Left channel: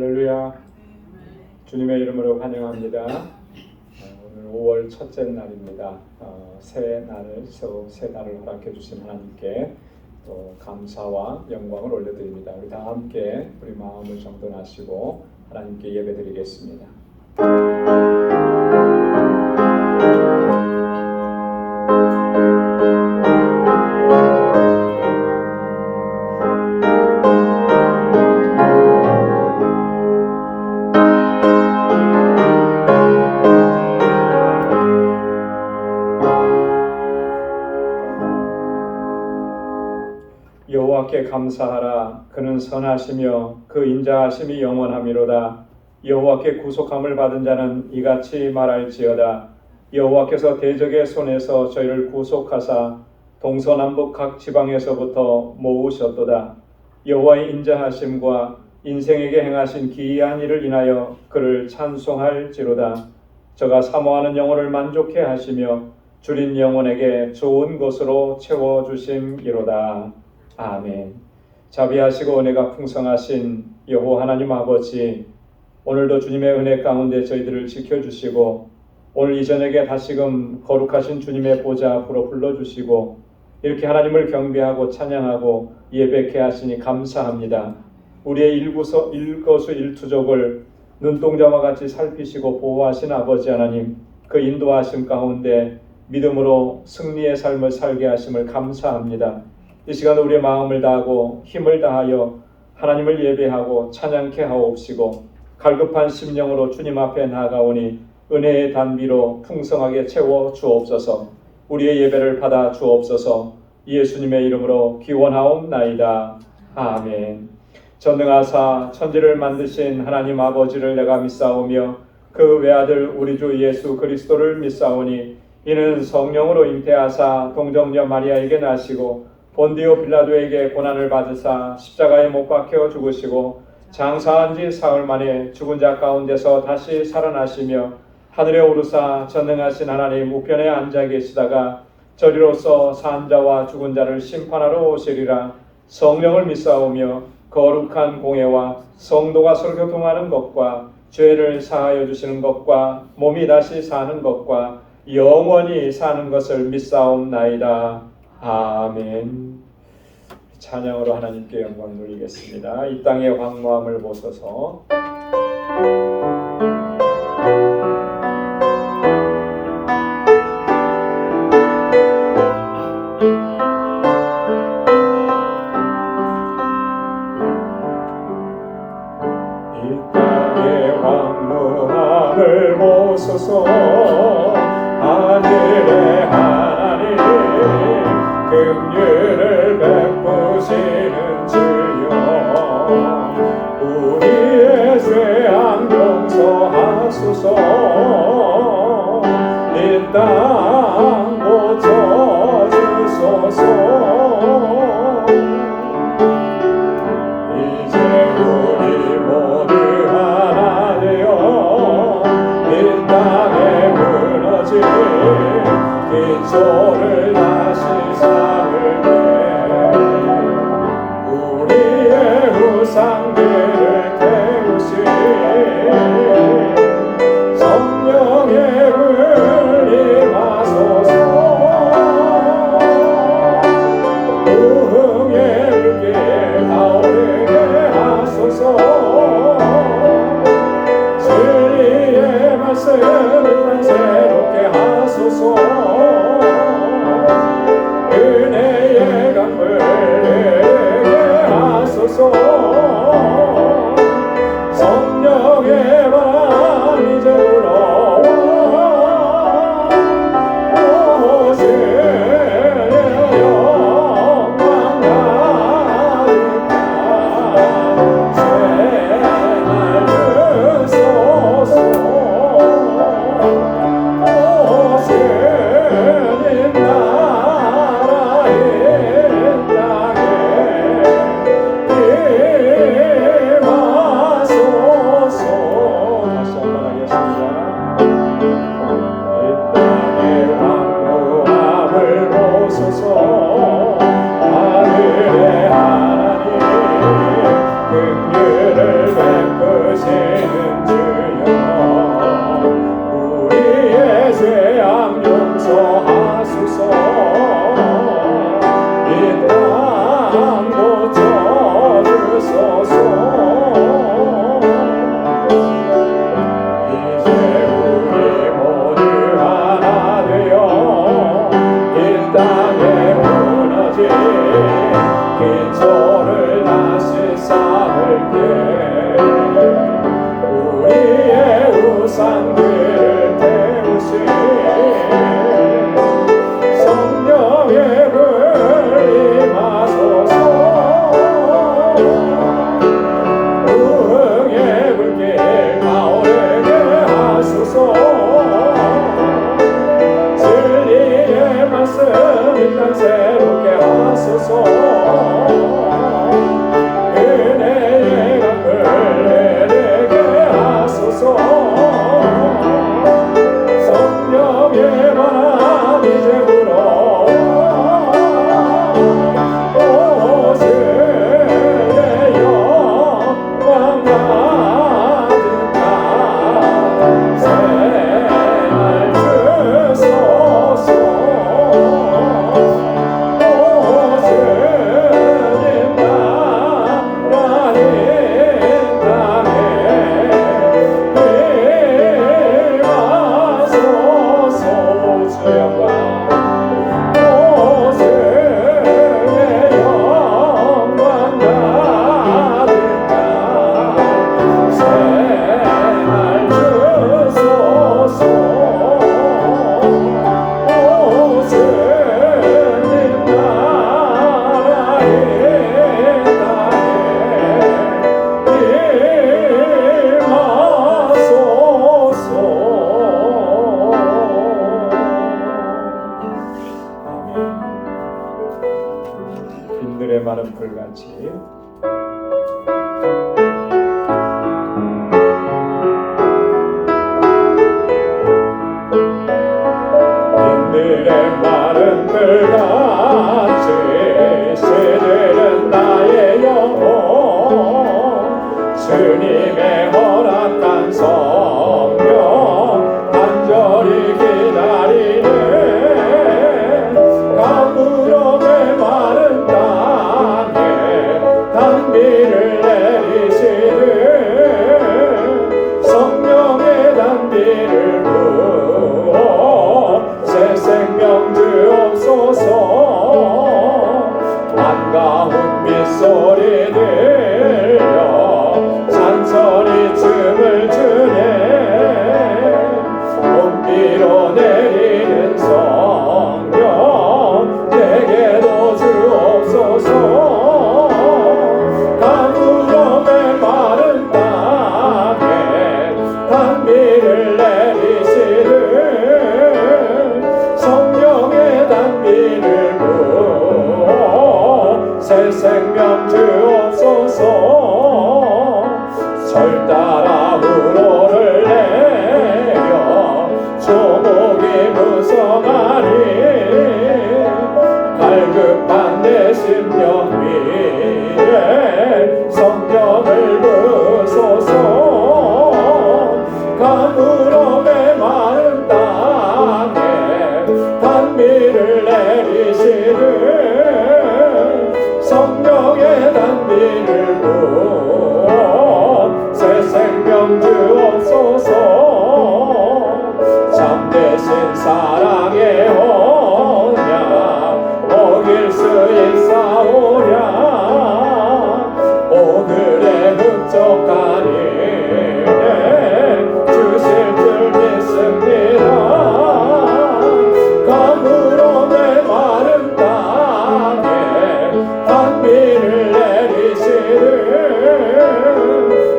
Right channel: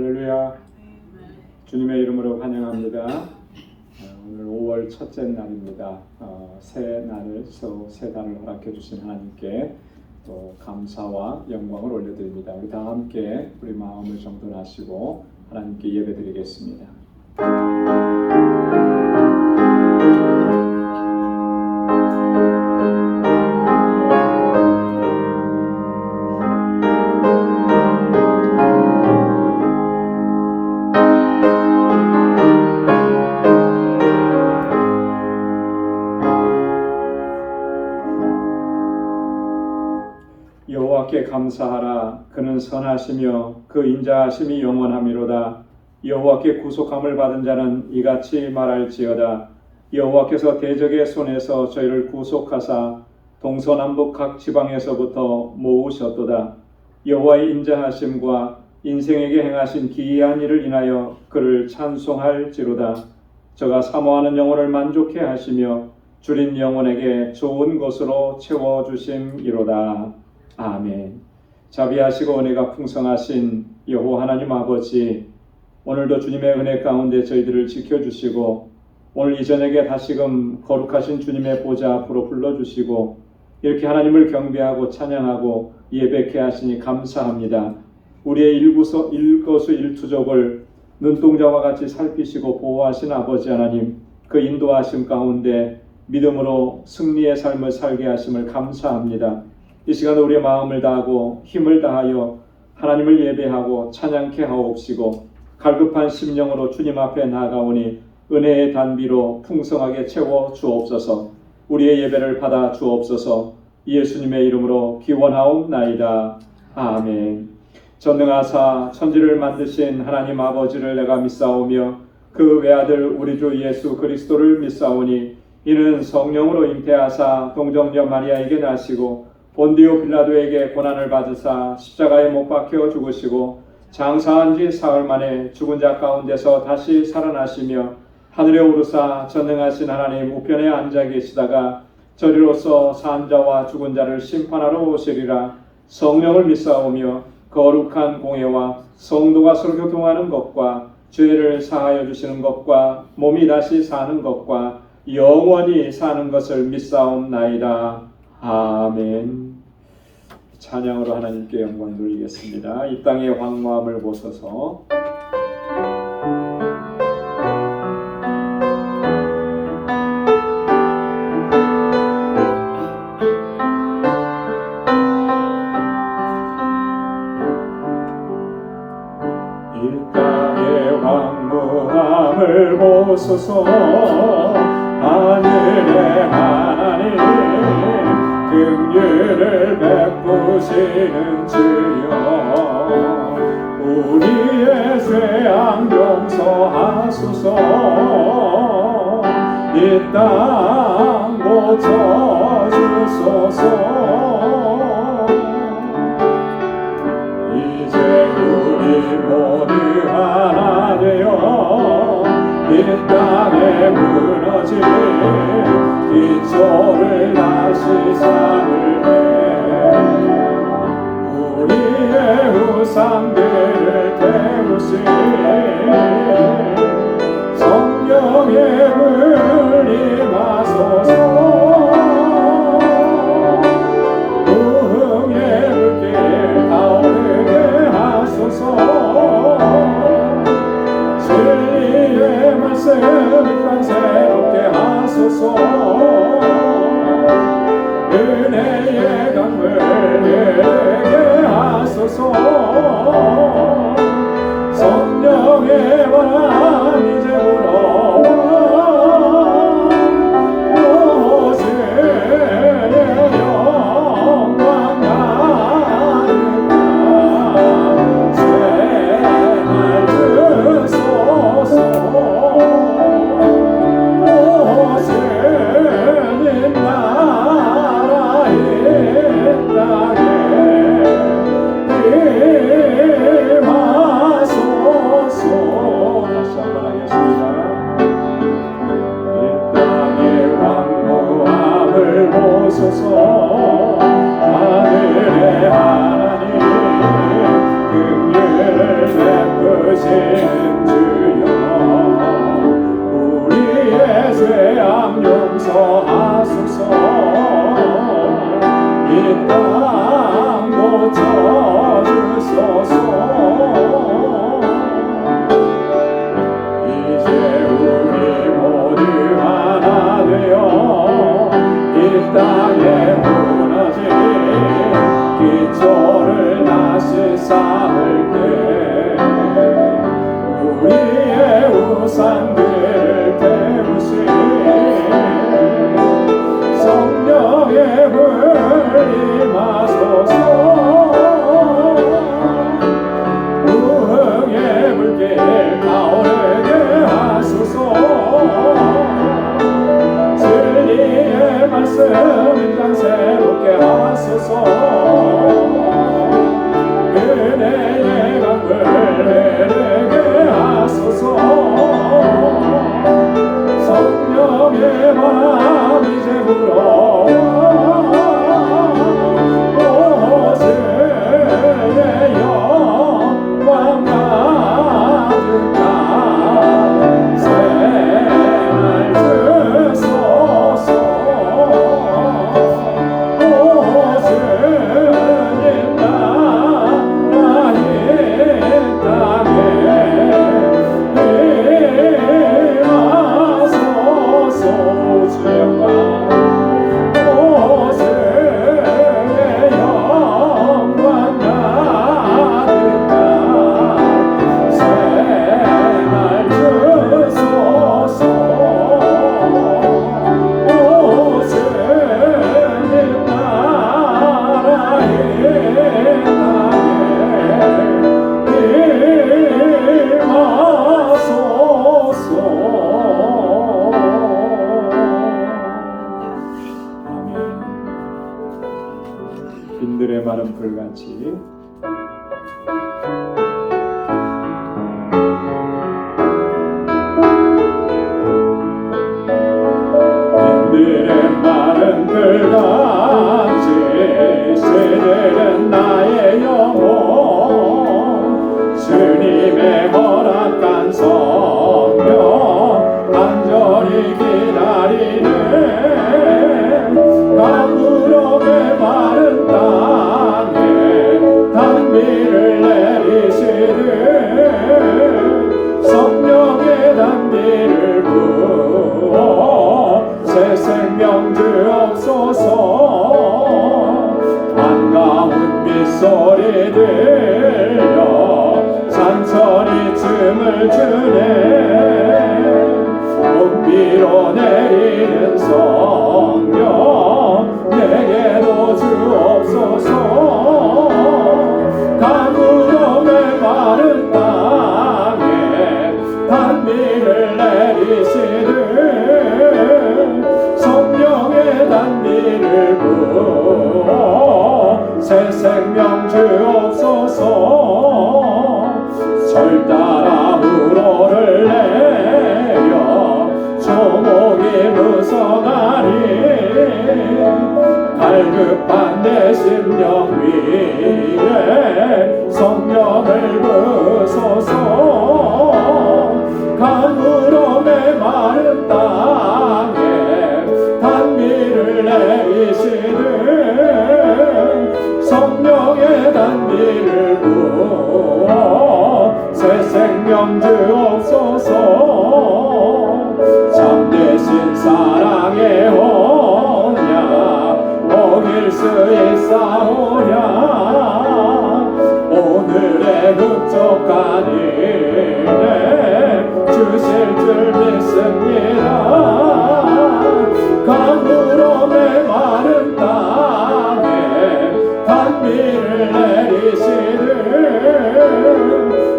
할렐루야. 주님의 이름으로 환영합니다. 오늘 5월 첫째 날입니다. 새 달을 허락해 주신 하나님께 또 감사와 영광을 올려드립니다. 우리 다 함께 우리 마음을 정돈하시고 하나님께 예배드리겠습니다. 여호와께 감사하라. 그는 선하시며 그 인자하심이 영원하미로다. 여호와께 구속함을 받은 자는 이같이 말할지어다. 여호와께서 대적의 손에서 저희를 구속하사 동서남북 각 지방에서부터 모으셨도다. 여호와의 인자하심과 인생에게 행하신 기이한 일을 인하여 그를 찬송할지로다. 저가 사모하는 영혼을 만족해 하시며 줄인 영혼에게 좋은 것으로 채워주심이로다. 아멘. 자비하시고 은혜가 풍성하신 여호와 하나님 아버지, 오늘도 주님의 은혜 가운데 저희들을 지켜주시고 오늘 이 저녁에 다시금 거룩하신 주님의 보좌 앞으로 불러주시고 이렇게 하나님을 경배하고 찬양하고 예배케 하시니 감사합니다. 우리의 일거수일투족을 눈동자와 같이 살피시고 보호하신 아버지 하나님, 그 인도하심 가운데 믿음으로 승리의 삶을 살게 하심을 감사합니다. 이 시간 우리의 마음을 다하고 힘을 다하여 하나님을 예배하고 찬양케 하옵시고 갈급한 심령으로 주님 앞에 나아가오니 은혜의 단비로 풍성하게 채워 주옵소서. 우리의 예배를 받아 주옵소서. 예수님의 이름으로 기원하옵나이다. 아멘. 전능하사 천지를 만드신 하나님 아버지를 내가 믿사오며 그 외아들 우리 주 예수 그리스도를 믿사오니 이는 성령으로 잉태하사 동정녀 마리아에게 나시고 본디오 빌라도에게 고난을 받으사 십자가에 못 박혀 죽으시고 장사한 지 사흘 만에 죽은 자 가운데서 다시 살아나시며 하늘에 오르사 전능하신 하나님 우편에 앉아 계시다가 저리로서 산 자와 죽은 자를 심판하러 오시리라. 성령을 믿사오며 거룩한 공회와 성도가 서로 교통하는 것과 죄를 사하여 주시는 것과 몸이 다시 사는 것과 영원히 사는 것을 믿사옵나이다. 아멘. 찬양으로 하나님께 영광 돌리겠습니다. 이 땅의 황무함을 보소서. 이 땅의 황무함을 보소서. 하늘의 하나님 긍휼을 베푸시는 주여, 우리의 죄악 용서하소서. 이 땅 고쳐주소서. 이제 우리 모두 하나 되어 이 땅에 무너진 기초를 다시 삼을게. 우리의 우상들을 태우신 성령의 불임 하소서. 부흥의 불길 타오르게 하소서. 진리의 말씀 이 땅 새롭게 하소서. 은혜의 강물 내게 하소서. 주의 영광 오세의 영광 가득한 새날 주소서 오세의 나라의 빈들의 마른 불같이 빈들의 마른 불같이 새들은 나의 영혼 주님의 허락한 성령 간절히 기다리는 가물음의 마른 땅에 단비를 내리시는 성령의 단비를 부어 새 생명 주옵소서 반가운 빗소리 들려 산천이 춤을 추네 봄비로 내리는 성령 내게도 주옵소서 가물음의 마른 땅에 단비를 내리시는 성령의 단비를 부어 새 생명 주옵소서 절 따라 우로를 내려 조목이 무성하니 갈급한 내 심령 위에 성령을 부소서 가물음의 마른 땅에 단비를 내리시는 성령의 단비를 부어 새 생명 주옵소서 참되신 사랑의 언약 먹일 수 있사오랴 오늘의 흡족한 은혜 주실 줄 믿습니다 가물음의 마른 땅에 단비를 내리시는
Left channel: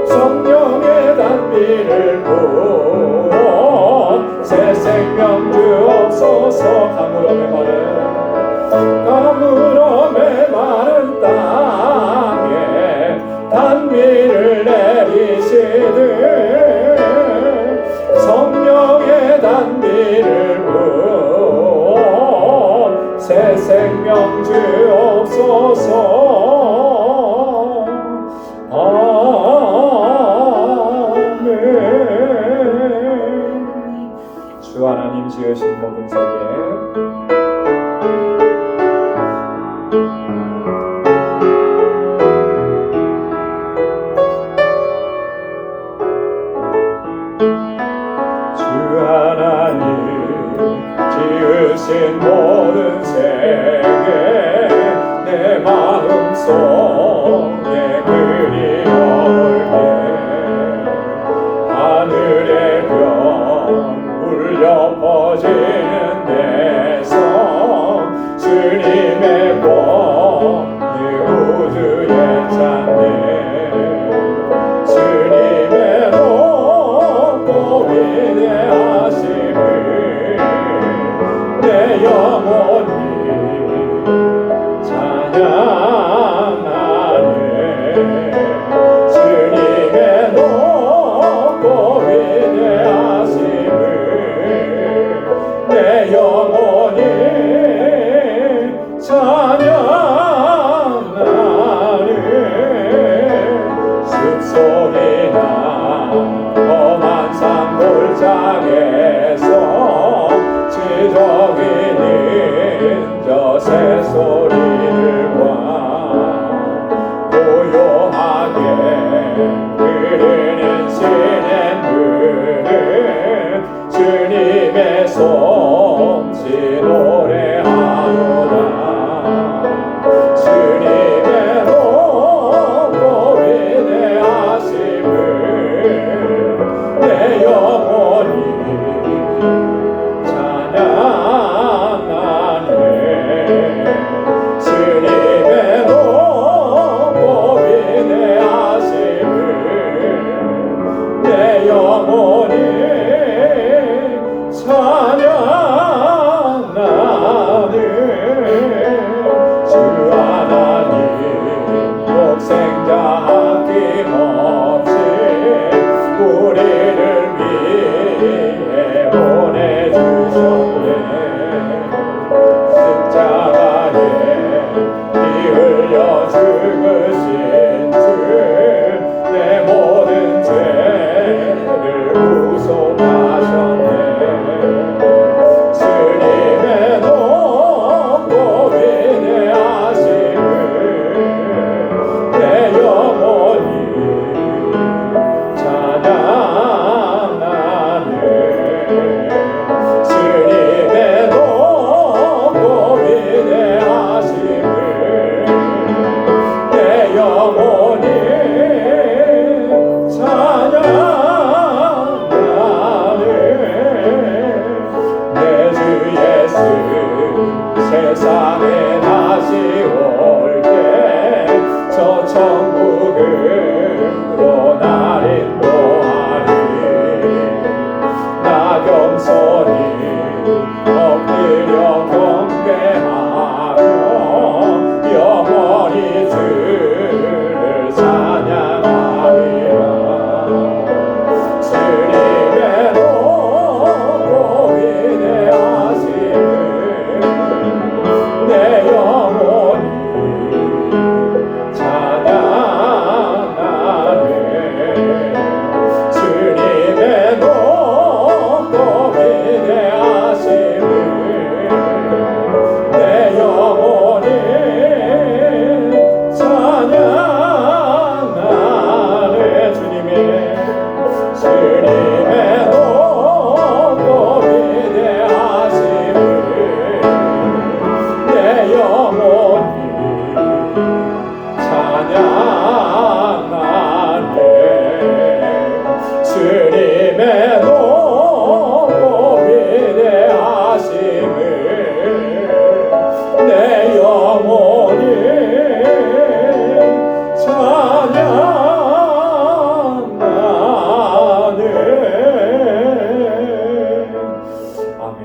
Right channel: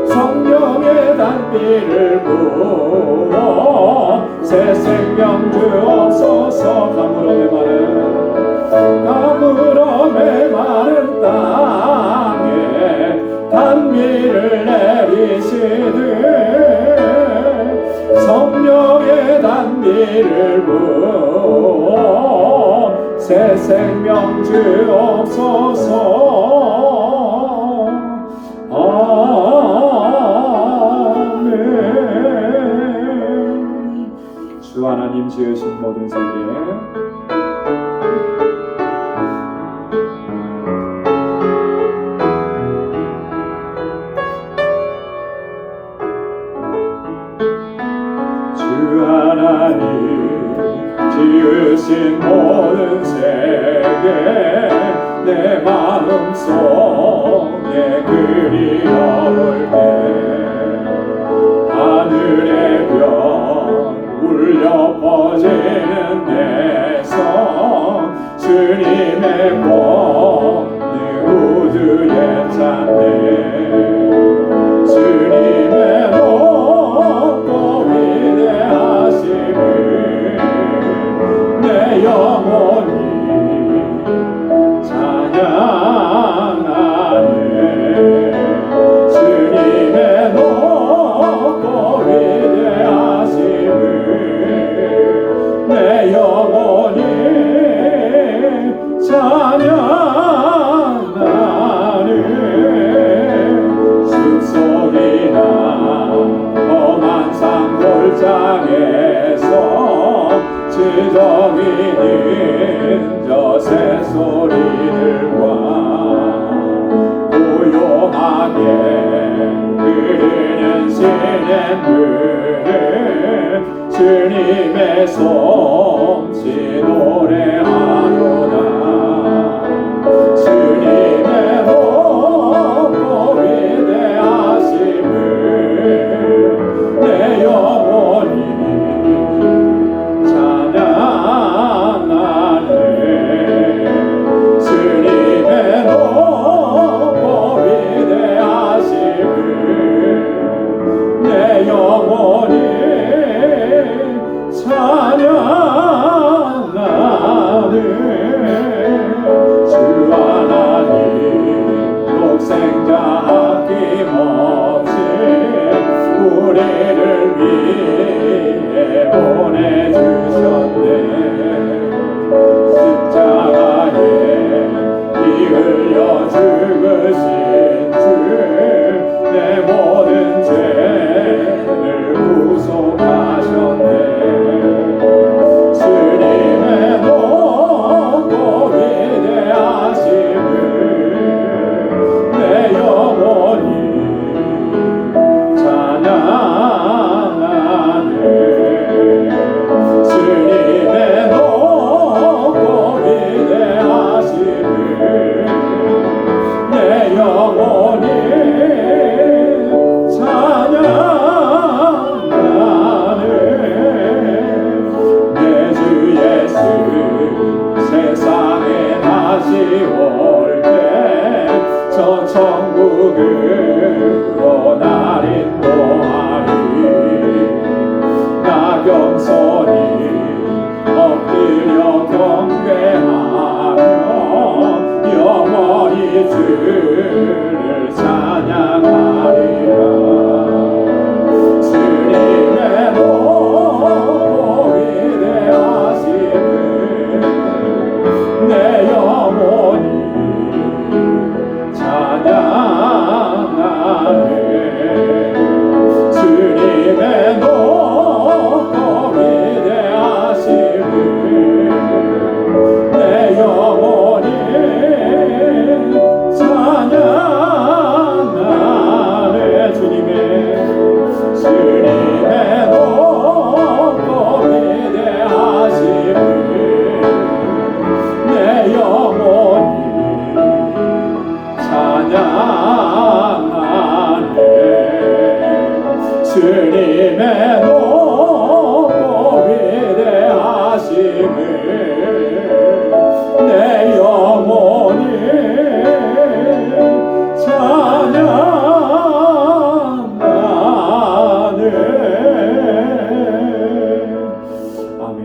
성령의 단비를 부어 새 생명 주옵소서 가물음의 마른 땅에 단비를 내리시는 성령의 단비를 부어 새 생명 주옵소서 아멘 주 하나님 지으신 모든 세계 주 하나님 지으신 모든 세계 내 마음속에 그리워올게 하늘의 별 울려 퍼지는 데서 주님의 복 내 우주에 찾네 주님의 높고 위대하심을 내 영혼이 찬양하네 주님의 높고 위대하심을 내 영혼이 찬양하네 숲속이나 험한 산 골짜기에서 지저귀는 저 새소리들과 고요하게 흐르는 시냇물을 주님의 손 세상에 다시 올 때 저 천국으로 날 인도하리. 나 겸손히 엎드려 경배하며 영원히 주를 찬양하리라. 주님의 높고 위대하심을 내 영혼이 찬양하네. 주님의 높고 위대하심을 내 영혼이 찬양하네. 주님의 높고 위대하심을 내 영혼이 찬양하네. 주님의 높고 위대하심을 내 영혼이 찬양하네. 아멘.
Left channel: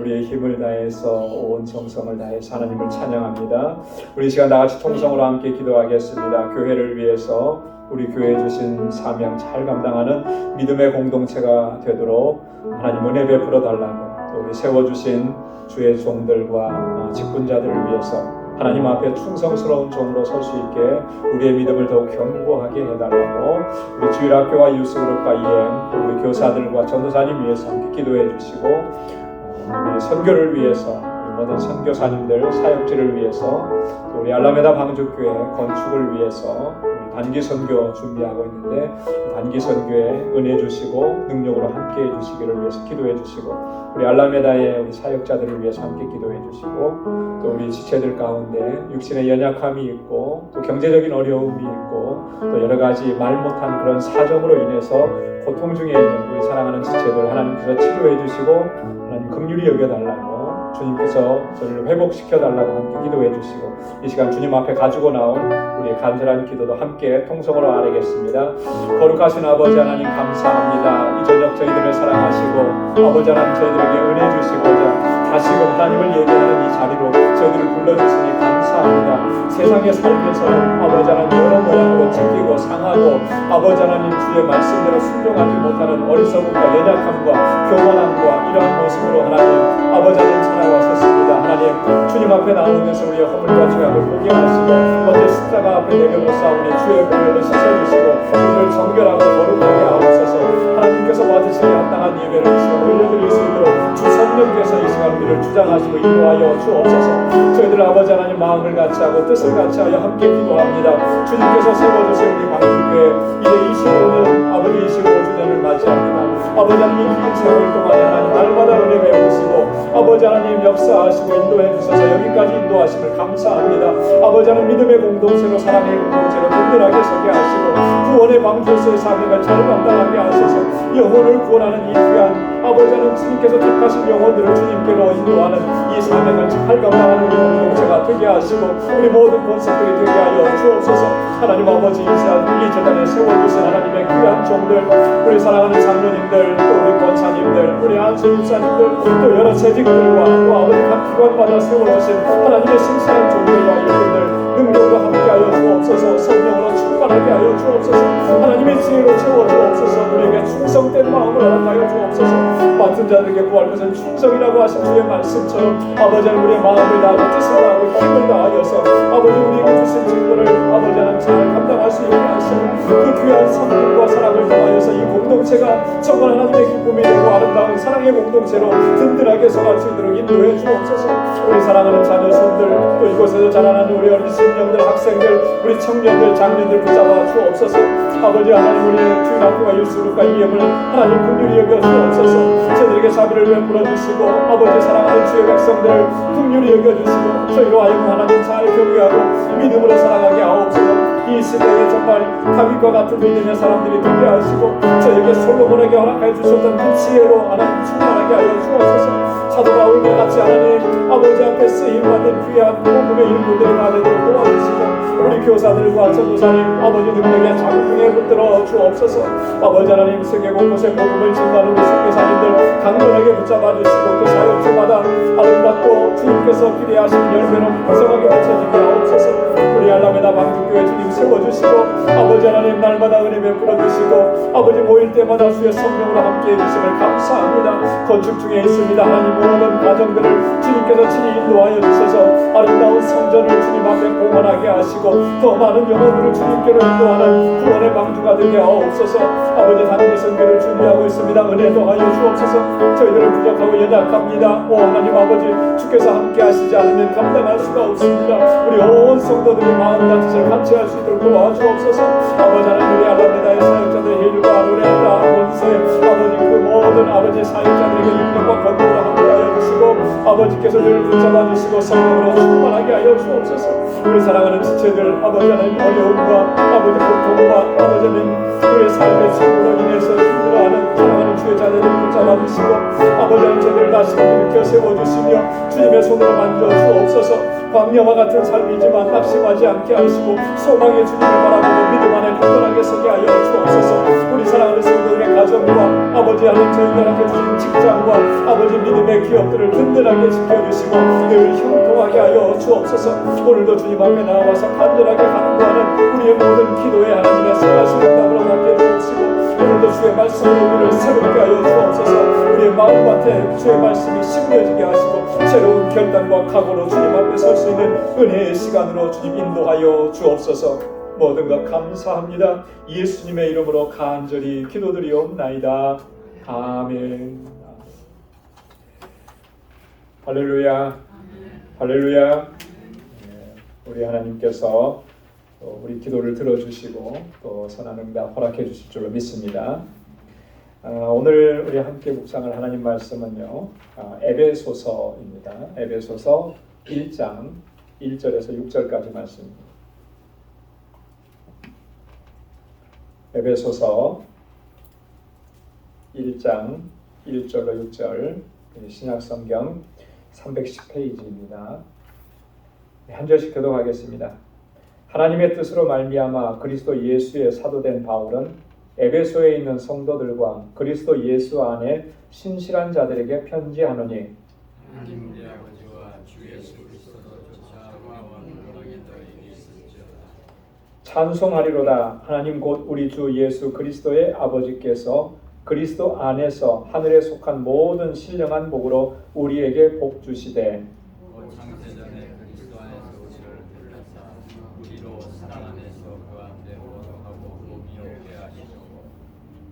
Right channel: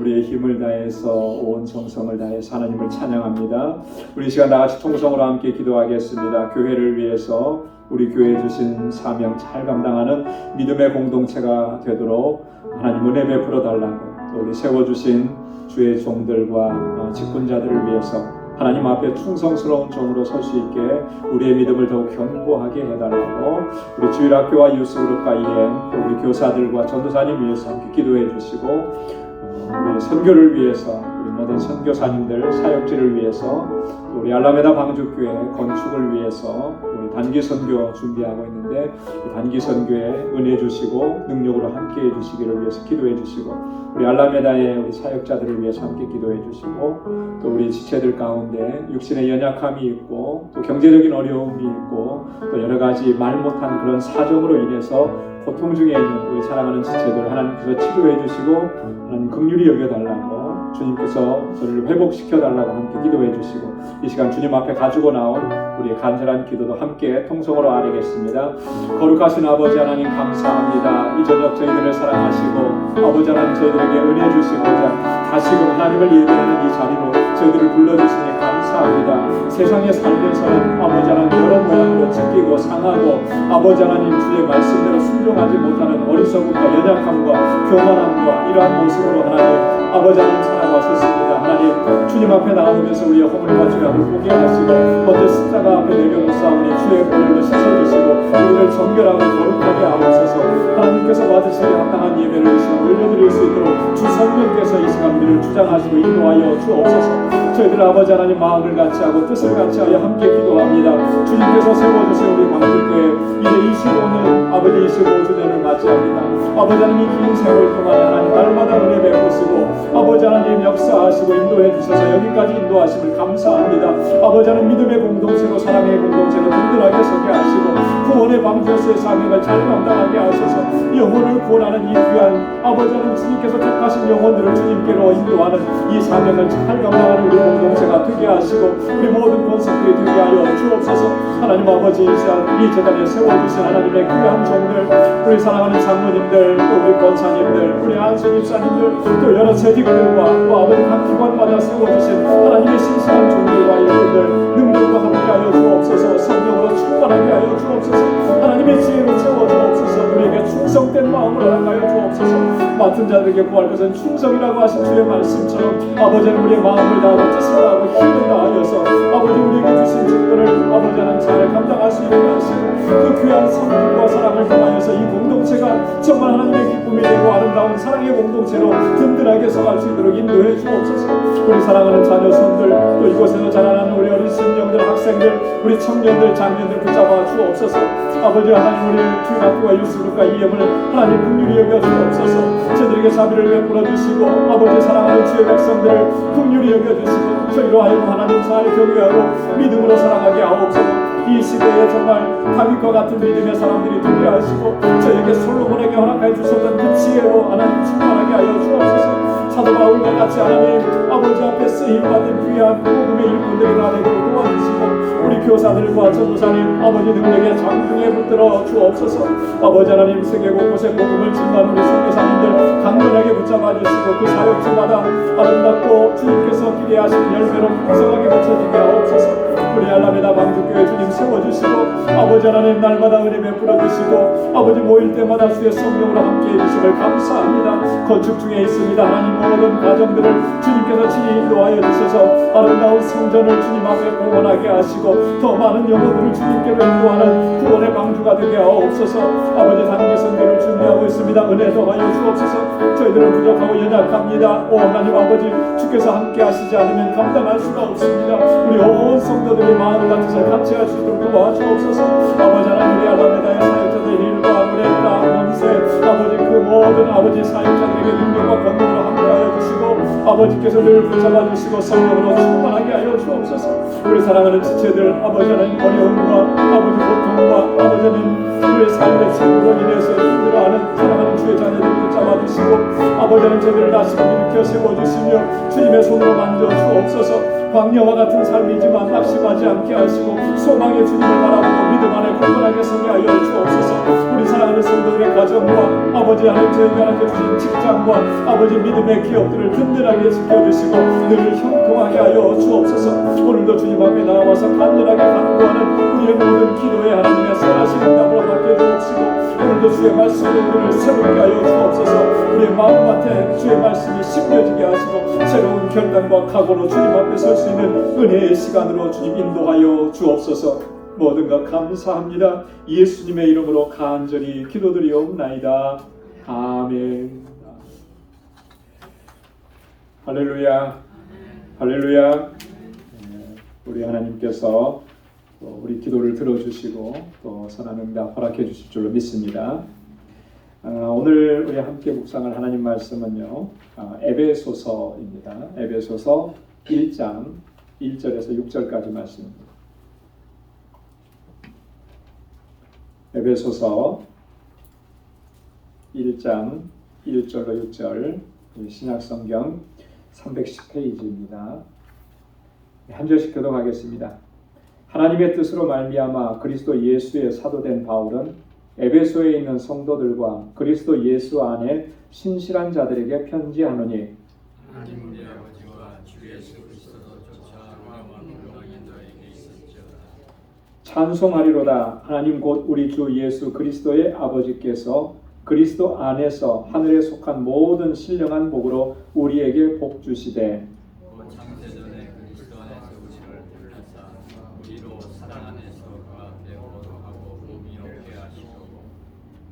우리의 힘을 다해서 온 정성을 다해서 하나님을 찬양합니다. 우리 시간 다같이 통성으로 함께 기도하겠습니다. 교회를 위해서 우리 교회에 주신 사명 잘 감당하는 믿음의 공동체가 되도록 하나님 은혜 베풀어 달라고, 또 우리 세워주신 주의 종들과 직분자들을 위해서 하나님 앞에 충성스러운 종으로 설 수 있게 우리의 믿음을 더욱 견고하게 해달라고, 우리 주일학교와 유스그룹과 EM, 또 우리 교사들과 전도사님 위해서 함께 기도해 주시고, 우리 선교를 위해서, 우리 모든 선교사님들 사역지를 위해서, 또 우리 알라메다 방주교회 건축을 위해서 우리 단기 선교 준비하고 있는데 단기 선교에 은혜 주시고 능력으로 함께 해주시기를 위해서 기도해 주시고, 우리 알라메다의 우리 사역자들을 위해서 함께 기도해 주시고, 또 우리 지체들 가운데 육신의 연약함이 있고 또 경제적인 어려움이 있고 또 여러 가지 말 못한 그런 사정으로 인해서 고통 중에 있는 우리 사랑하는 지체들 하나님께서 치료해 주시고 하나님 긍휼히 여겨달라고, 주님께서 저를 회복시켜달라고 함께 기도해 주시고, 이 시간 주님 앞에 가지고 나온 우리의 간절한 기도도 함께 통성으로 아뢰겠습니다. 거룩하신 아버지 하나님 감사합니다. 이 저녁 저희들을 사랑하시고 아버지 하나님 저희들에게 은혜 주시고자 다시금 하나님을 예배하는 이 자리로 저희들을 불러주시니 감사합니다. 세상에 살면서는 아버지 하나님 여러 모양으로 찢기고 상하고 아버지 하나님 주의 말씀대로 순종하지 못하는 어리석음과 연약함과 교만함과 이러한 모습으로 하나님 아버지 하나님 살아왔었습니다. 하나님 주님 앞에 나오면서 우리의 허물과 죄악을 보게 하시고 먼저 십자가 앞에 내려놓사오니 주의 보혈로 씻어주시고 우리를 정결하고 거룩하게 하옵소서. 하나님께서 받으시기에 합당한 예배를 이 시간 올려드릴 수 있도록 주 성령께서 이 시간 우리를 주장하시고 인도하여 주옵소서. 저희들 아버지 하나님 마음을 같이하고 뜻을 같이하여 함께 기도합니다. 주님께서 세워주신 우리 광주교회 이제 25년 아버지 25주년을 맞이합니다. 아버지 하나님 긴 세월 동안에 하나님 날마다 은혜 베푸시고 아버지 하나님 역사하시고 인도해 주셔서 여기까지 인도하심을 감사합니다. 아버지 하나님 믿음의 공동체로 사랑의 공동체로 든든하게 서게 하시고 구원의 방주로서의 사명을 잘 감당하게 하셔서 영혼을 구원하는 이 귀한 아버지 하나님 주님께서 택하신 영혼들을 주님께로 인도하는 이 사명을 잘 감당하는 우리 공동체가 되게 하시고 우리 모든 권속들이 되게 하여 주옵소서. 하나님 아버지 이 재단에 세워주신 하나님의 귀한 종들, 우리 사랑하는 장로님들, 또 우리 권사님들, 우리 안수입사님들, 또 여러 재직들과 또 아버지 각 기관마다 세워주신 하나님의 신실한 종들과 일꾼들 능력으로 함께하여 주옵소서. 성령으로 충만하게 하여 주옵소서. 하나님의 지혜로 채워주옵소서. 우리에게 충성된 마음을 허락하여 주옵소서. 맡은 자들에게 구할 것은 충성이라고 하신 주의 말씀처럼 아버지는 우리의 마음을 다하고 뜻을 다하고 힘을 다하여서 아버지 우리에게 주신 직분을 아버지 하나님 잘 감당할 수 있게 하시는 그 귀한 성품과 사랑을 통하여서 이 공동체가 정말 하나님의 기쁨이 되고 아름다운 사랑의 공동체로 든든하게 서갈 수 있도록 인도해 주옵소서. 우리 사랑하는 자녀 손들 또 이곳에서 자라나는 우리 어린 신령들 학생들 우리 청년들 장년들 붙잡아 주옵소서. 아버지 하나님 우리의 주일학교와 유스그룹과 EM을 하나님 긍휼히 여겨 주옵소서. 저들에게 자비를 베풀어 주시고 아버지 사랑하는 주의 백성들을 긍휼히 여겨 주시고 저희로 하여금 하나님 잘 경외하고 믿음으로 살아가게 하옵소서. 이 시대에 정말 다윗과 같은 믿음의 사람들이 되게 하시고 저에게 솔로몬에게 허락해 주셨던 그 지혜로 하나님 충만하게 하여 주옵소서. 사도 바울과 같이 하나님 아버지 앞에 쓰임받은 귀한 복음의 일꾼들이 다 되도록 도와주시고 우리 교사들과 전도사님 아버지 능력의 장중에 붙들어 주옵소서. 아버지 하나님 세계 곳곳에 복음을 증거하는 우리 선교사님들 강건하게 붙잡아 주시고 그 사역지마다 아름답고 주님께서 기대하시는 열매로 풍성하게 맺혀지게 하옵소서. 우리 알라메다 방주교회 주님 세워주시고 아버지 하나님 날마다 은혜 베풀어 주시고 아버지 모일 때마다 주의 성령으로 함께해 주심을 감사합니다. 건축 중에 있습니다. 하나님 모든 가정들을 주님께서 친히 인도하여 주셔서 아름다운 성전을 주님 앞에 봉헌하게 하시고 더 많은 영혼들을 주님께로 인도하는 구원의 방주가 되게 하옵소서. 아버지 단기 선교를 준비하고 있습니다. 은혜 더하여 주옵소서. 저희들은 부족하고 연약합니다. 오 하나님 아버지 주께서 함께 하시지 않으면 감당할 수가 없습니다. 우리 온 성도들이 마음과 뜻을 같이 할 수 있도록 도와주옵소서. 아버지 하나님 우리 알라메다의 사역자들 힐과 루네타 몬세 아버지 그 모든 아버지 사역자들에게 능력과 권능으로 함께하여 주시고 아버지께서 늘 붙잡아 주시고 성령으로 충만하게 하여 주옵소서. 우리 사랑하는 지체들 아버지 하나님 어려움과 아버지 고통과 아버지 하나님 우리의 삶의 책으로 인해서 힘들어하는 사랑하는 주의 자녀들 붙잡아 주시고 아버지 하나님 저들을 다시 일으켜 세워주시며 주님의 손으로 만져 주옵소서. 광야와 같은 삶이지만 낙심하지 않게 하시고 소망의 주님을 바라보고 믿음 안에 굳건하게 서게 하여 주옵소서. 우리 사랑하는 성도들의 가정과 아버지 하나님 저희가 함께 주신 직장과 아버지 믿음의 기업들을 든든하게 지켜주시고 늘 형통하게 하여 주옵소서. 오늘도 주님 앞에 나와서 간절하게 간구하는 우리의 모든 기도에 하나님의 선하신 응답으로 함께 주옵시고 오늘도 주의 말씀으로 우리를 새롭게 하여 주옵소서. 우리의 마음밭에 주의 말씀이 심겨지게 하시고 새로운 결단과 각오로 주님 앞에 설 수 있는 은혜의 시간으로 주님 인도하여 주옵소서. 모든 것 감사합니다. 예수님의 이름으로 간절히 기도드리옵나이다. 아멘. 할렐루야. 할렐루야. 우리 하나님께서 우리 기도를 들어주시고 또 선한 응답 허락해 주실 줄로 믿습니다. 오늘 우리 함께 묵상할 하나님 말씀은요, 에베소서입니다. 에베소서 1장 1절에서 6절까지 말씀입니다. 에베소서 1장 1절로 6절 신약성경 310페이지입니다. 한 절씩 교독하겠습니다. 하나님의 뜻으로 말미암아 그리스도 예수의 사도된 바울은 에베소에 있는 성도들과 그리스도 예수 안에 신실한 자들에게 편지하노니 하나님 우리 아버지와 주 예수 그리스도조차 은혜와 평강이 너에게 있을지어다. 찬송하리로다. 하나님 곧 우리 주 예수 그리스도의 아버지께서 그리스도 안에서 하늘에 속한 모든 신령한 복으로 우리에게 복 주시되 곧 창세전에 그리스도 안에서 우리를 불러사 우리로 사랑 안에서 그 앞에 거룩하고 몸이 없게 하시려고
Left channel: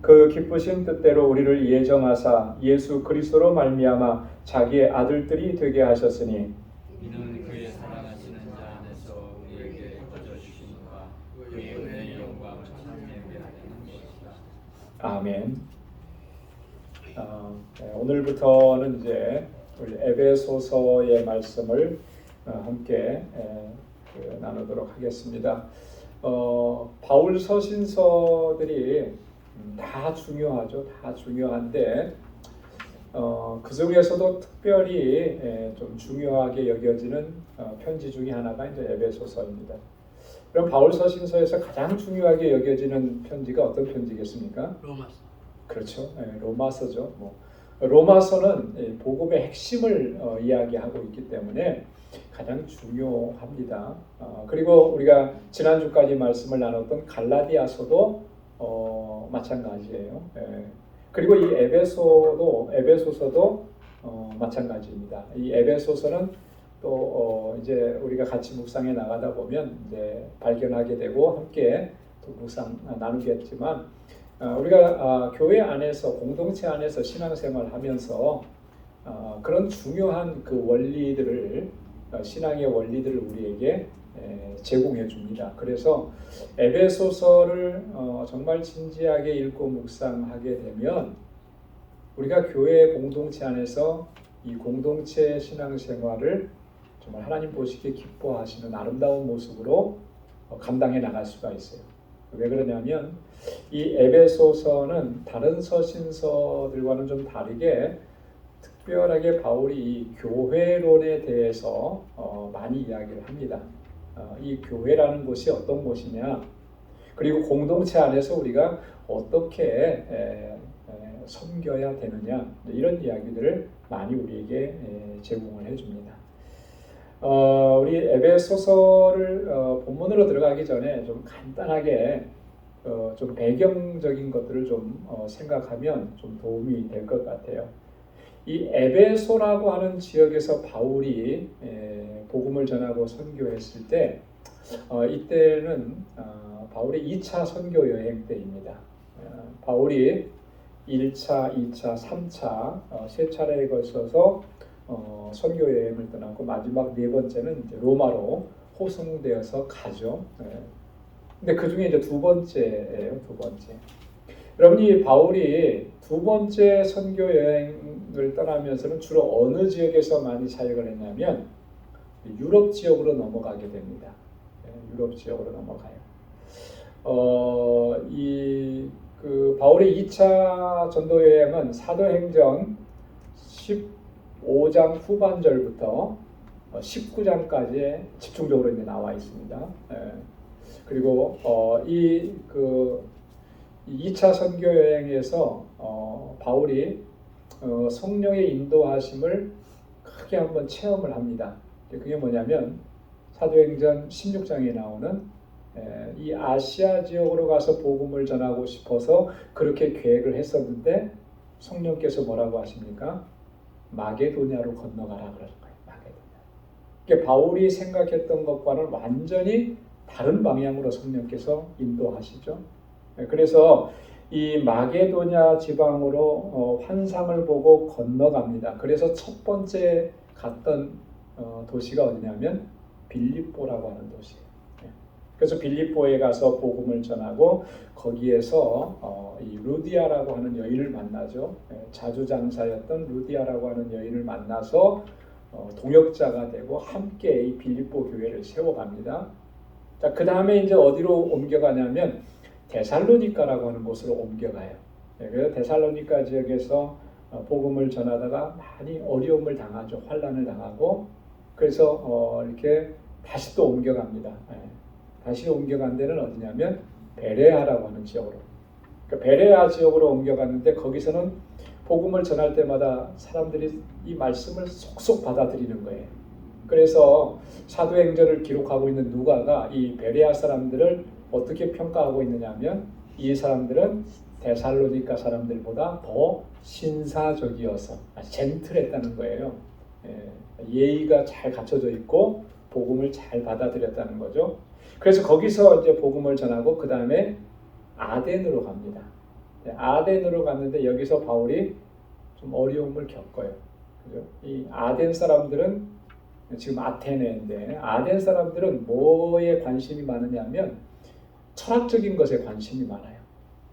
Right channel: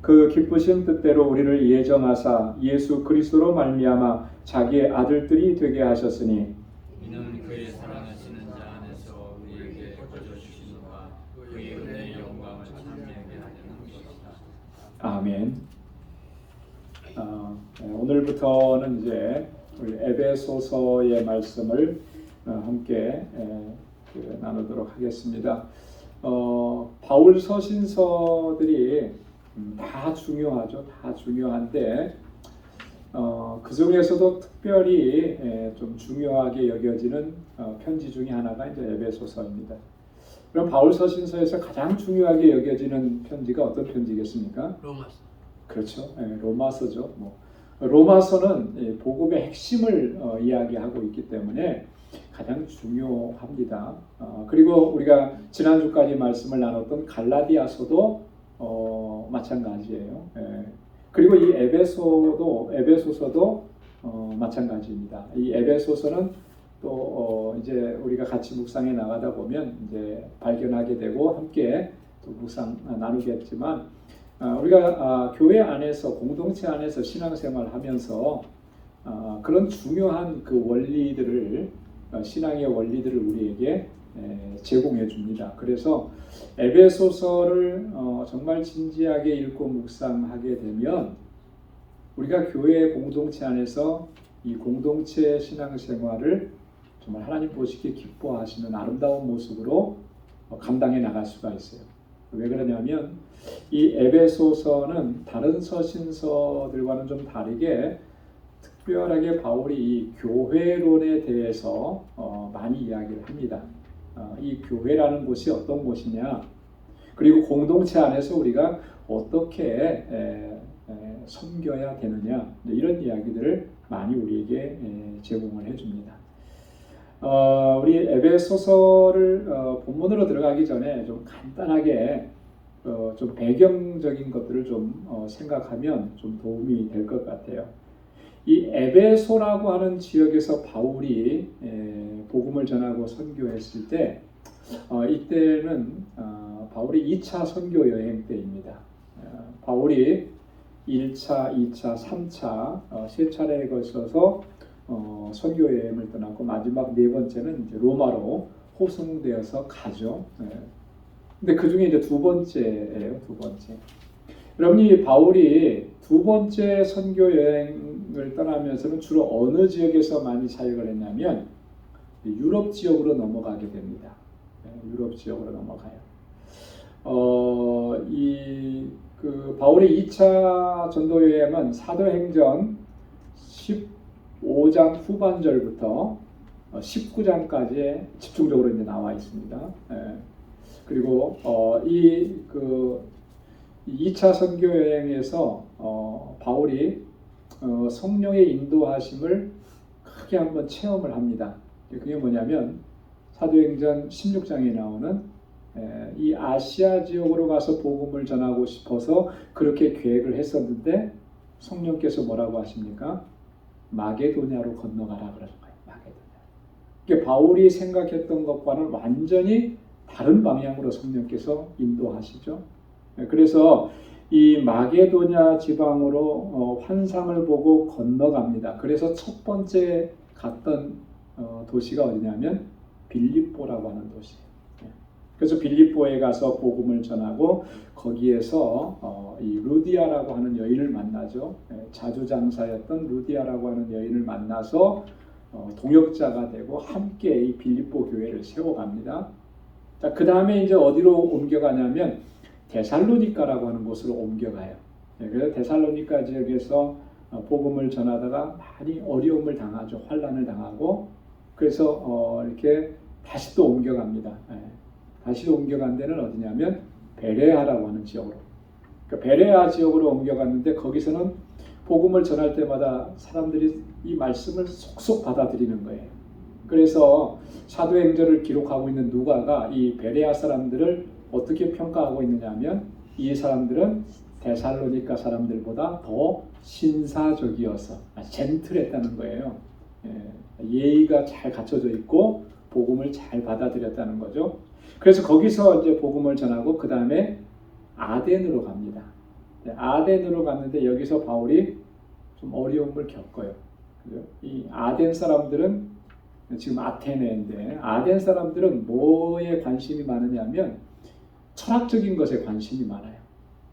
그 기쁘신 뜻대로 우리를 예정하사 예수 그리스도로 말미암아 자기의 아들들이 되게 하셨으니 이는 그의 사랑하시는 자 안에서 우리에게 거저 주시니까 그의 은혜의 영광을 찬미하게 하려는 것이다. 아멘. 오늘부터는 이제 우리 에베소서의 말씀을 함께 나누도록 하겠습니다. 바울 서신서들이 다 중요하죠. 다 중요한데 그 중에서도 특별히 좀 중요하게 여겨지는 편지 중에 하나가 이제 에베소서입니다. 그럼 바울 서신서에서 가장 중요하게 여겨지는 편지가 어떤 편지겠습니까? 로마서. 그렇죠. 로마서죠. 로마서는 복음의 핵심을 이야기하고 있기 때문에 가장 중요합니다. 그리고 우리가 지난주까지 말씀을 나눴던 갈라디아서도 마찬가지예요. 그리고 이 에베소서도 마찬가지입니다. 이 에베소서는 또 이제 우리가 같이 묵상해 나가다 보면 이제 발견하게 되고 함께 또 묵상 나누겠지만 우리가 교회 안에서 공동체 안에서 신앙생활을 하면서 그런 중요한 그 원리들을 신앙의 원리들을 우리에게 제공해 줍니다. 그래서 에베소서를 정말 진지하게 읽고 묵상하게 되면 우리가 교회 공동체 안에서 이 공동체 신앙생활을 정말 하나님 보시기에 기뻐하시는 아름다운 모습으로 감당해 나갈 수가 있어요. 왜 그러냐면 이 에베소서는 다른 서신서들과는 좀 다르게 특별하게 바울이 이 교회론에 대해서 많이 이야기를 합니다. 이 교회라는 곳이 어떤 곳이냐, 그리고 공동체 안에서 우리가 어떻게 섬겨야 되느냐, 이런 이야기들을 많이 우리에게 제공을 해줍니다. 우리 에베소서를 본문으로 들어가기 전에 좀 간단하게 좀 배경적인 것들을 좀 생각하면 좀 도움이 될 것 같아요. 이 에베소라고 하는 지역에서 바울이 복음을 전하고 선교했을 때 이때는 바울의 2차 선교 여행 때입니다. 바울이 1차, 2차, 3차 세 차례에 걸쳐서 선교 여행을 떠나고 마지막 네 번째는 이제 로마로 호송되어서 가죠. 근데 그 중에 이제 두 번째예요, 두 번째. 여러분이 바울이 두 번째 선교 여행을 떠나면서는 주로 어느 지역에서 많이 사역을 했냐면 유럽 지역으로 넘어가게 됩니다. 유럽 지역으로 넘어가요. 바울의 2차 전도 여행은 사도행전 15장 후반절부터 19장까지 집중적으로 이제 나와 있습니다. 그리고 이 2차 선교 여행에서 바울이 성령의 인도하심을 크게 한번 체험을 합니다. 그게 뭐냐면 사도행전 16장에 나오는 이 아시아 지역으로 가서 복음을 전하고 싶어서 그렇게 계획을 했었는데 성령께서 뭐라고 하십니까? 마게도냐로 건너가라 그러는 거예요. 마게도냐. 그러니까 바울이 생각했던 것과는 완전히 다른 방향으로 성령께서 인도하시죠. 그래서 이 마게도냐 지방으로 환상을 보고 건너갑니다. 그래서 첫 번째 갔던 도시가 어디냐면 빌립보라고 하는 도시예요. 그래서 빌립보에 가서 복음을 전하고 거기에서 이 루디아라고 하는 여인을 만나죠. 자주장사였던 루디아라고 하는 여인을 만나서 동역자가 되고 함께 이 빌립보 교회를 세워갑니다. 자, 그 다음에 이제 어디로 옮겨가냐면 데살로니가라고 하는 곳으로 옮겨가요. 그래서 데살로니가 지역에서 복음을 전하다가 많이 어려움을 당하죠. 환난을 당하고 그래서 이렇게 다시 또 옮겨갑니다. 다시 옮겨간 데는 어디냐면 베레아라고 하는 지역으로. 그러니까 베레아 지역으로 옮겨갔는데 거기서는 복음을 전할 때마다 사람들이 이 말씀을 속속 받아들이는 거예요. 그래서 사도행전을 기록하고 있는 누가가 이 베레아 사람들을 어떻게 평가하고 있느냐면 이 사람들은 데살로니가 사람들보다 더 신사적이어서 젠틀했다는 거예요. 예의가 잘 갖춰져 있고 복음을 잘 받아들였다는 거죠. 그래서 거기서 이제 복음을 전하고 그 다음에 아덴으로 갑니다. 아덴으로 갔는데 여기서 바울이 좀 어려움을 겪어요. 그죠? 이 아덴 사람들은 지금 아테네인데 아덴 사람들은 뭐에 관심이 많으냐면 철학적인 것에 관심이 많아요.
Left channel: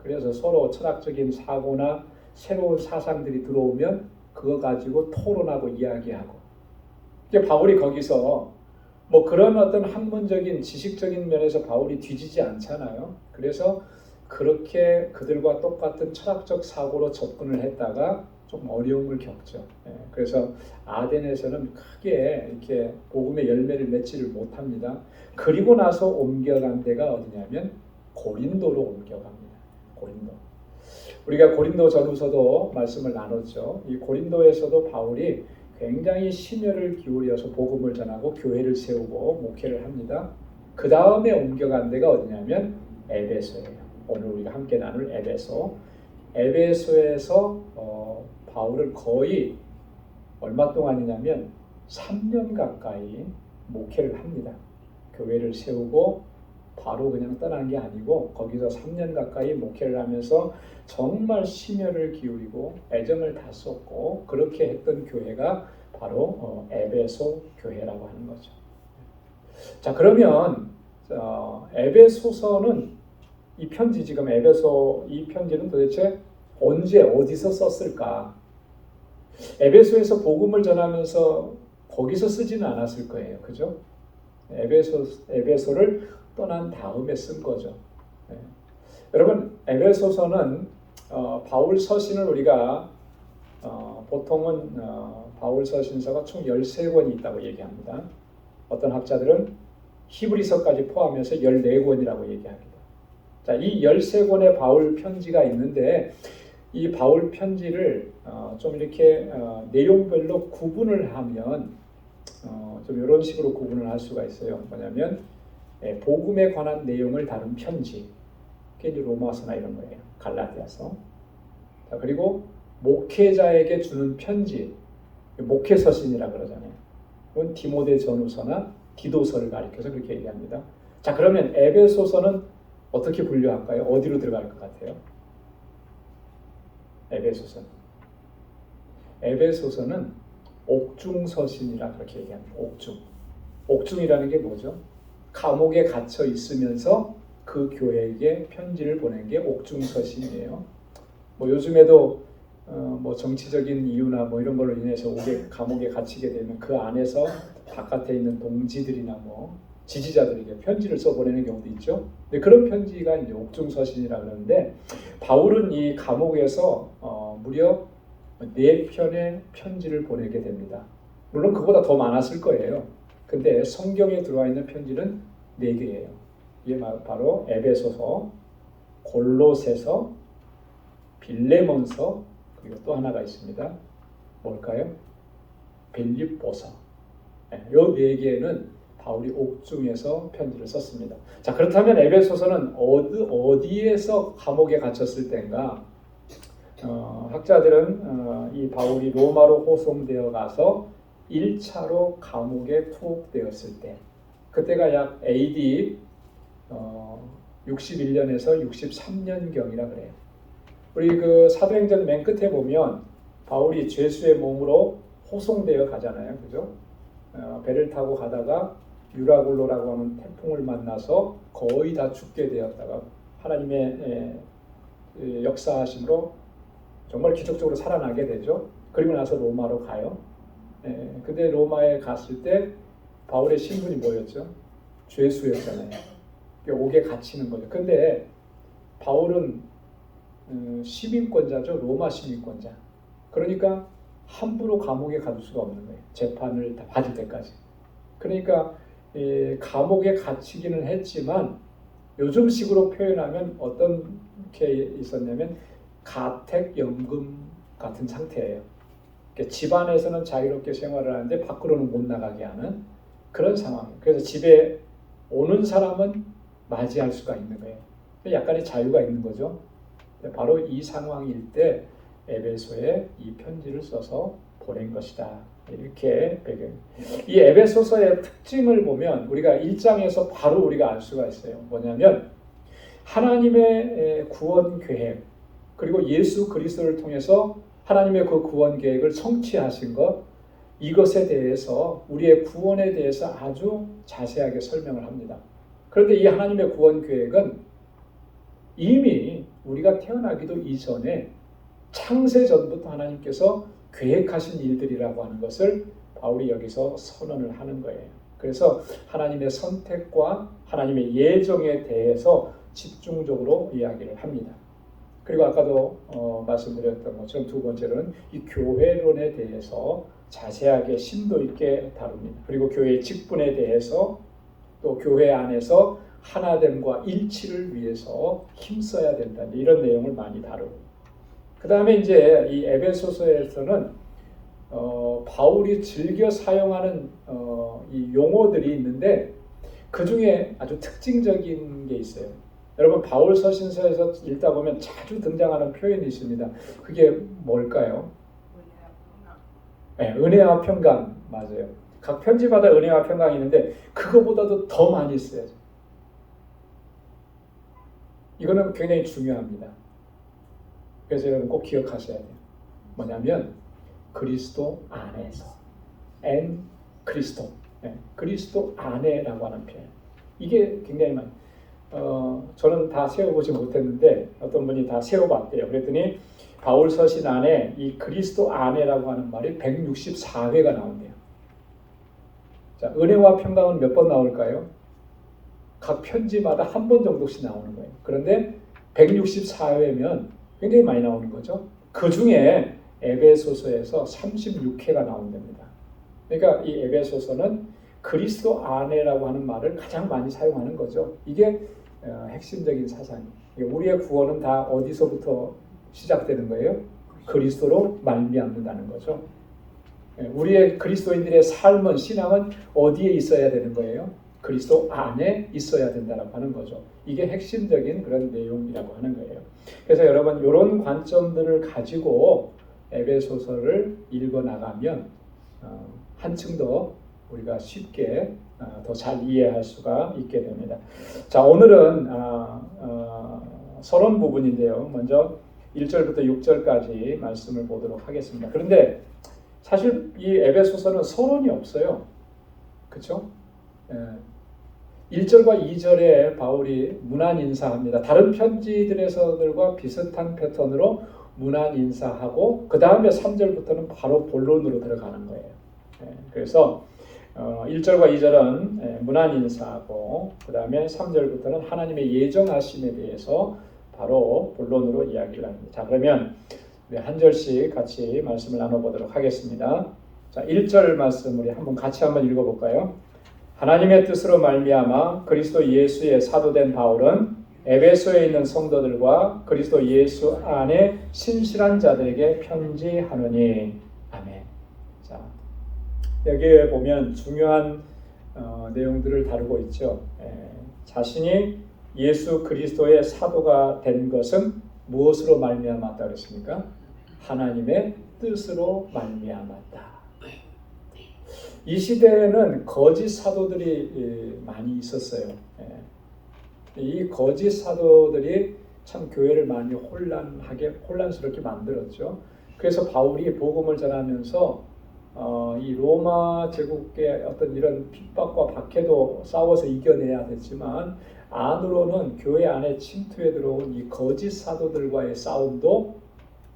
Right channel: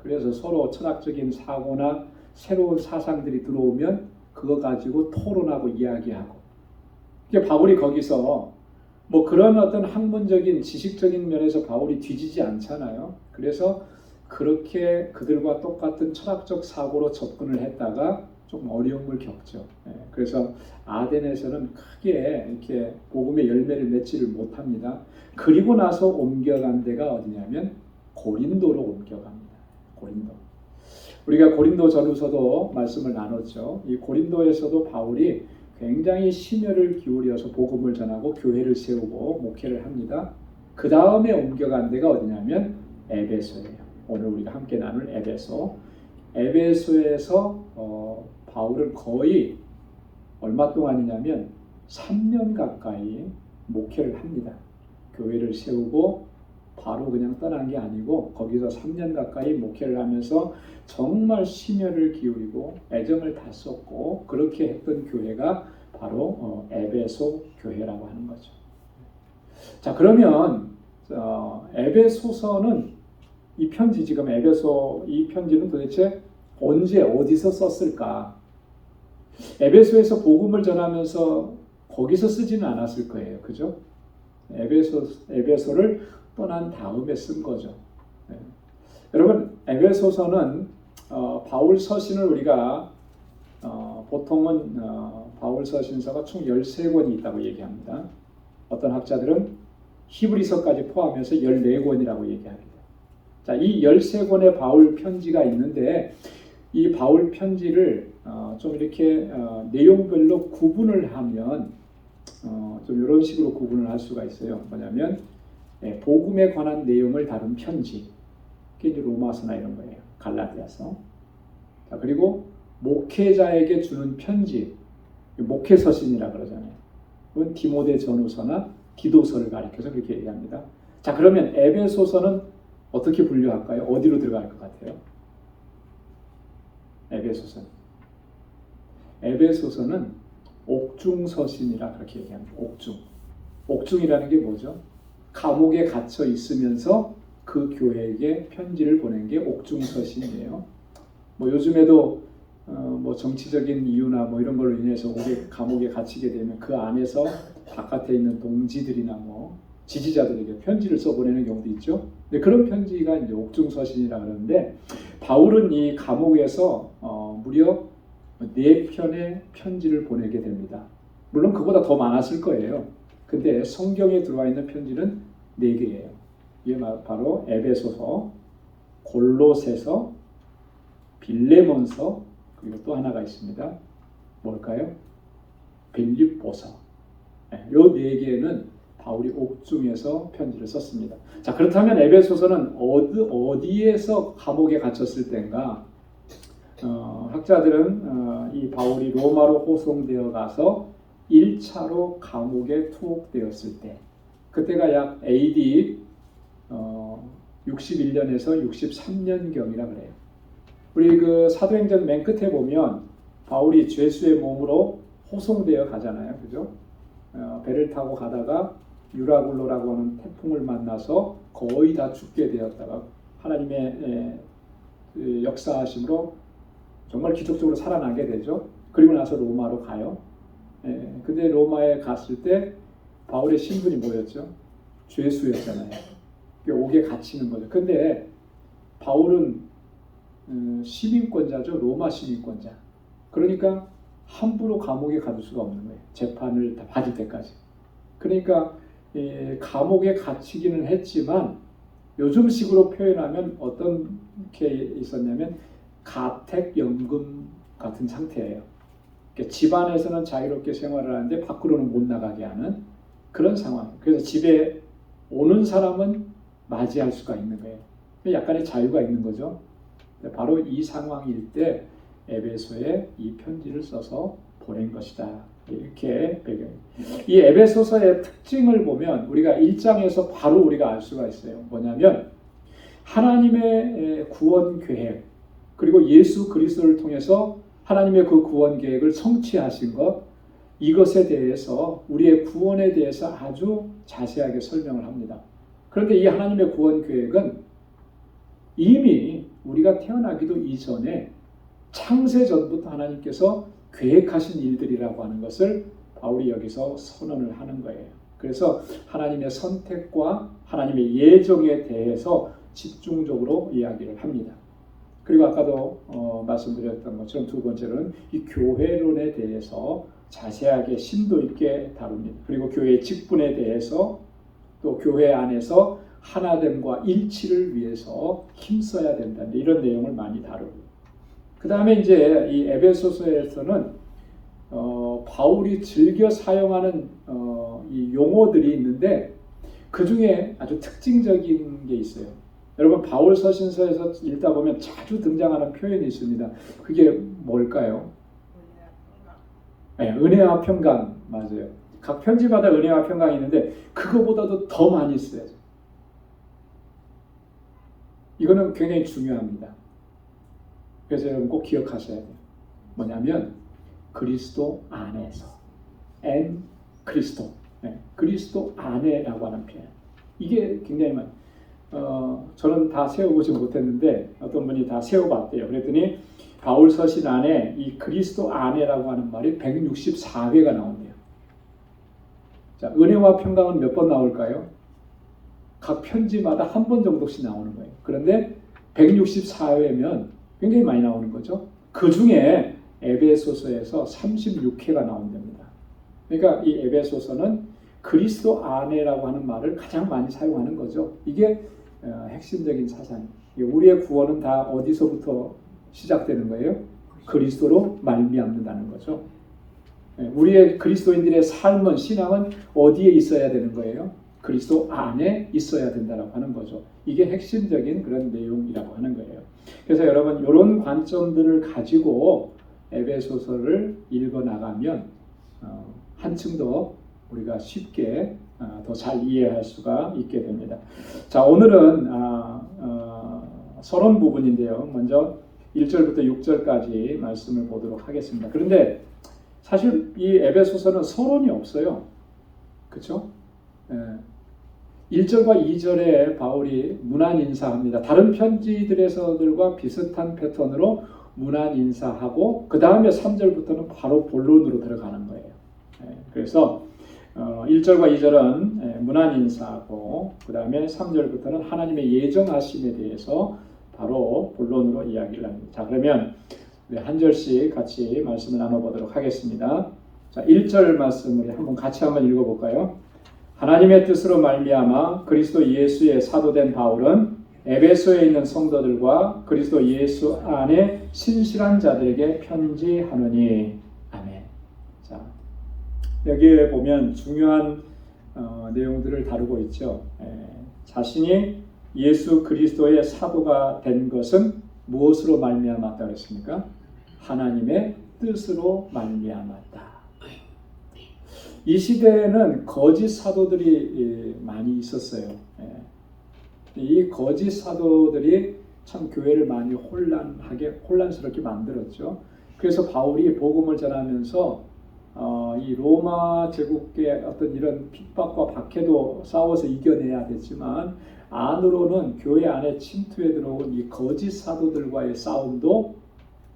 그래서 서로 철학적인 사고나 새로운 사상들이 들어오면 그거 가지고 토론하고 이야기하고. 바울이 거기서 뭐 그런 어떤 학문적인 지식적인 면에서 바울이 뒤지지 않잖아요. 그래서 그렇게 그들과 똑같은 철학적 사고로 접근을 했다가 좀 어려움을 겪죠. 그래서 아덴에서는 크게 이렇게 복음의 열매를 맺지를 못합니다. 그리고 나서 옮겨간 데가 어디냐면 고린도로 옮겨갑니다. 고린도. 우리가 고린도 전후서도 말씀을 나눴죠. 이 고린도에서도 바울이 굉장히 심혈을 기울여서 복음을 전하고 교회를 세우고 목회를 합니다. 그 다음에 옮겨간 데가 어디냐면 에베소예요. 오늘 우리가 함께 나눌 에베소. 에베소에서 바울은 거의 얼마 동안이냐면 3년 가까이 목회를 합니다. 교회를 세우고 바로 그냥 떠난 게 아니고 거기서 3년 가까이 목회를 하면서 정말 심혈을 기울이고 애정을 다 쏟고 그렇게 했던 교회가 바로 에베소 교회라고 하는 거죠. 자, 그러면 에베소서는 이 편지 지금 에베소 이 편지는 도대체 언제 어디서 썼을까? 에베소에서 복음을 전하면서 거기서 쓰지는 않았을 거예요. 그죠? 에베소를 떠난 다음에 쓴 거죠. 여러분, 에베소서는 바울 서신을 우리가 보통은 바울 서신서가 총 13권이 있다고 얘기합니다. 어떤 학자들은 히브리서까지 포함해서 14권이라고 얘기합니다. 자, 이 13권의 바울 편지가 있는데 이 바울 편지를 좀 이렇게 내용별로 구분을 하면 좀 이런 식으로 구분을 할 수가 있어요. 뭐냐면 복음에 관한 내용을 다룬 편지, 그게 이제 로마서나 이런 거예요. 갈라디아서. 자, 그리고 목회자에게 주는 편지, 목회서신이라 그러잖아요. 그건 디모데 전후서나 디도서를 가리켜서 그렇게 얘기합니다. 자, 그러면 에베소서는 어떻게 분류할까요? 어디로 들어갈 것 같아요? 에베소서는 옥중서신이라 그렇게 얘기합니다. 옥중이라는 게 뭐죠? 감옥에 갇혀 있으면서 그 교회에게 편지를 보낸 게 옥중서신이에요. 뭐 요즘에도 뭐 정치적인 이유나 뭐 이런 걸로 인해서 감옥에 갇히게 되면 그 안에서 바깥에 있는 동지들이나 뭐 지지자들에게 편지를 써보내는 경우도 있죠. 근데 그런 편지가 이제 옥중서신이라 그러는데 바울은 이 감옥에서 무려 4편의 편지를 보내게 됩니다. 물론 그보다 더 많았을 거예요. 근데 성경에 들어와 있는 편지는 4개예요. 이게 바로 에베소서, 골로새서, 빌레몬서, 그리고 또 하나가 있습니다. 뭘까요? 빌립보서. 요 4개는 바울이 옥중에서 편지를 썼습니다. 자, 그렇다면 에베소서는 어디에서 감옥에 갇혔을 때인가? 학자들은 이 바울이 로마로 호송되어 가서 1차로 감옥에 투옥되었을 때, 그때가 약 AD 61년에서 63년경이라 그래요. 우리 그 사도행전 맨 끝에 보면 바울이 죄수의 몸으로 호송되어 가잖아요, 그죠? 배를 타고 가다가 유라굴로라고 하는 태풍을 만나서 거의 다 죽게 되었다가 하나님의 역사하심으로 정말 기적적으로 살아나게 되죠. 그리고 나서 로마로 가요. 근데 로마에 갔을 때 바울의 신분이 뭐였죠? 죄수였잖아요. 옥에 갇히는 거죠. 근데 바울은 시민권자죠. 로마 시민권자. 그러니까 함부로 감옥에 가둘 수가 없는 거예요. 재판을 다 받을 때까지. 그러니까 감옥에 갇히기는 했지만 요즘식으로 표현하면 어떤 게 있었냐면 가택연금 같은 상태예요. 그러니까 집안에서는 자유롭게 생활을 하는데 밖으로는 못 나가게 하는 그런 상황이에요. 그래서 집에 오는 사람은 맞이할 수가 있는 거예요. 약간의 자유가 있는 거죠. 바로 이 상황일 때 에베소에 이 편지를 써서 보낸 것이다. 이렇게 배경. 이 에베소서의 특징을 보면 우리가 1장에서 바로 우리가 알 수가 있어요. 뭐냐면 하나님의 구원 계획, 그리고 예수 그리스도를 통해서 하나님의 그 구원 계획을 성취하신 것, 이것에 대해서 우리의 구원에 대해서 아주 자세하게 설명을 합니다. 그런데 이 하나님의 구원 계획은 이미 우리가 태어나기도 이전에 창세 전부터 하나님께서 계획하신 일들이라고 하는 것을 바울이 여기서 선언을 하는 거예요. 그래서 하나님의 선택과 하나님의 예정에 대해서 집중적으로 이야기를 합니다. 그리고 아까도 말씀드렸던 것처럼 두 번째로는 이 교회론에 대해서 자세하게 심도 있게 다룹니다. 그리고 교회의 직분에 대해서 또 교회 안에서 하나됨과 일치를 위해서 힘써야 된다. 이런 내용을 많이 다루고. 그 다음에 이제 이 에베소서에서는 바울이 즐겨 사용하는 이 용어들이 있는데 그 중에 아주 특징적인 게 있어요. 여러분 바울 서신서에서 읽다 보면 자주 등장하는 표현이 있습니다. 그게 뭘까요? 네, 은혜와 평강. 맞아요. 각 편지마다 은혜와 평강이 있는데 그거보다도 더 많이 써요. 이거는 굉장히 중요합니다. 그래서 여러분 꼭 기억하셔야 돼요. 뭐냐면 그리스도 안에서, 엔 그리스도, 그리스도 안에라고 하는 표현. 이게 굉장히 많이. 저는 다 세워보지 못했는데 어떤 분이 다 세워봤대요. 그랬더니 바울 서신 안에 이 그리스도 안에라고 하는 말이 164회가 나온대요. 자, 은혜와 평강은 몇 번 나올까요? 각 편지마다 한 번 정도씩 나오는 거예요. 그런데 164회면 굉장히 많이 나오는 거죠. 그 중에 에베소서에서 36회가 나온답니다. 그러니까 이 에베소서는 그리스도 안에라고 하는 말을 가장 많이 사용하는 거죠. 이게 핵심적인 사상이에요. 우리의 구원은 다 어디서부터 시작되는 거예요? 그리스도로 말미암는다는 거죠. 우리의 그리스도인들의 삶은, 신앙은 어디에 있어야 되는 거예요? 그리스도 안에 있어야 된다고 하는 거죠. 이게 핵심적인 그런 내용이라고 하는 거예요. 그래서 여러분 이런 관점들을 가지고 에베소서를 읽어 나가면 한층 더 우리가 쉽게 더 잘 이해할 수가 있게 됩니다. 자, 오늘은 서론 부분인데요. 먼저 1절부터 6절까지 말씀을 보도록 하겠습니다. 그런데 사실 이 에베소서는 서론이 없어요. 그렇죠? 1절과 2절에 바울이 문안 인사합니다. 다른 편지들에서들과 비슷한 패턴으로 문안 인사하고 그 다음에 3절부터는 바로 본론으로 들어가는 거예요. 그래서 1절과 2절은 문안 인사하고 그 다음에 3절부터는 하나님의 예정하심에 대해서 바로 본론으로 이야기를 합니다. 자, 그러면 한 절씩 같이 말씀을 나눠보도록 하겠습니다. 자, 1절 말씀 우리 같이 한번 읽어볼까요? 하나님의 뜻으로 말미암아 그리스도 예수의 사도된 바울은 에베소에 있는 성도들과 그리스도 예수 안에 신실한 자들에게 편지하노니. 아멘. 자, 여기에 보면 중요한 내용들을 다루고 있죠. 자신이 예수 그리스도의 사도가 된 것은 무엇으로 말미암았다 그랬습니까? 하나님의 뜻으로 말미암았다. 이 시대에는 거짓 사도들이 많이 있었어요. 이 거짓 사도들이 참 교회를 많이 혼란스럽게 만들었죠. 그래서 바울이 복음을 전하면서 이 로마 제국의 어떤 이런 핍박과 박해도 싸워서 이겨내야 됐지만 안으로는 교회 안에 침투해 들어온 이 거짓 사도들과의 싸움도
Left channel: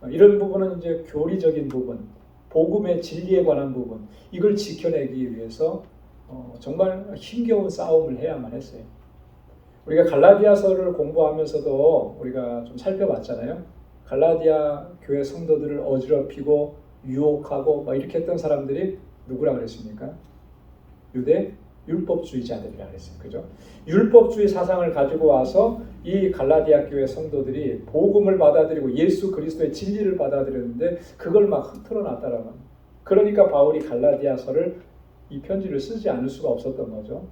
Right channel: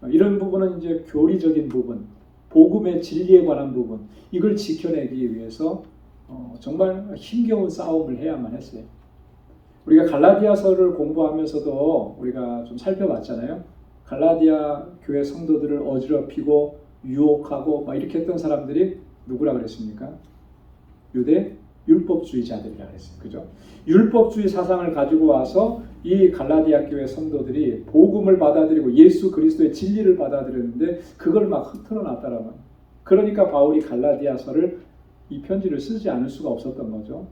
이런 부분은 이제 교리적인 부분, 복음의 진리에 관한 부분, 이걸 지켜내기 위해서 정말 힘겨운 싸움을 해야만 했어요. 우리가 갈라디아서를 공부하면서도 우리가 좀 살펴봤잖아요. 갈라디아 교회 성도들을 어지럽히고 유혹하고 막 이렇게 했던 사람들이 누구라 그랬습니까? 유대 율법주의자들이라 그랬어요. 그죠? 율법주의 사상을 가지고 와서 이 갈라디아 교회 성도들이 복음을 받아들이고 예수 그리스도의 진리를 받아들였는데 그걸 막 흐트러 놨다라는 거예요. 그러니까 바울이 갈라디아서를 이 편지를 쓰지 않을 수가 없었던 거죠.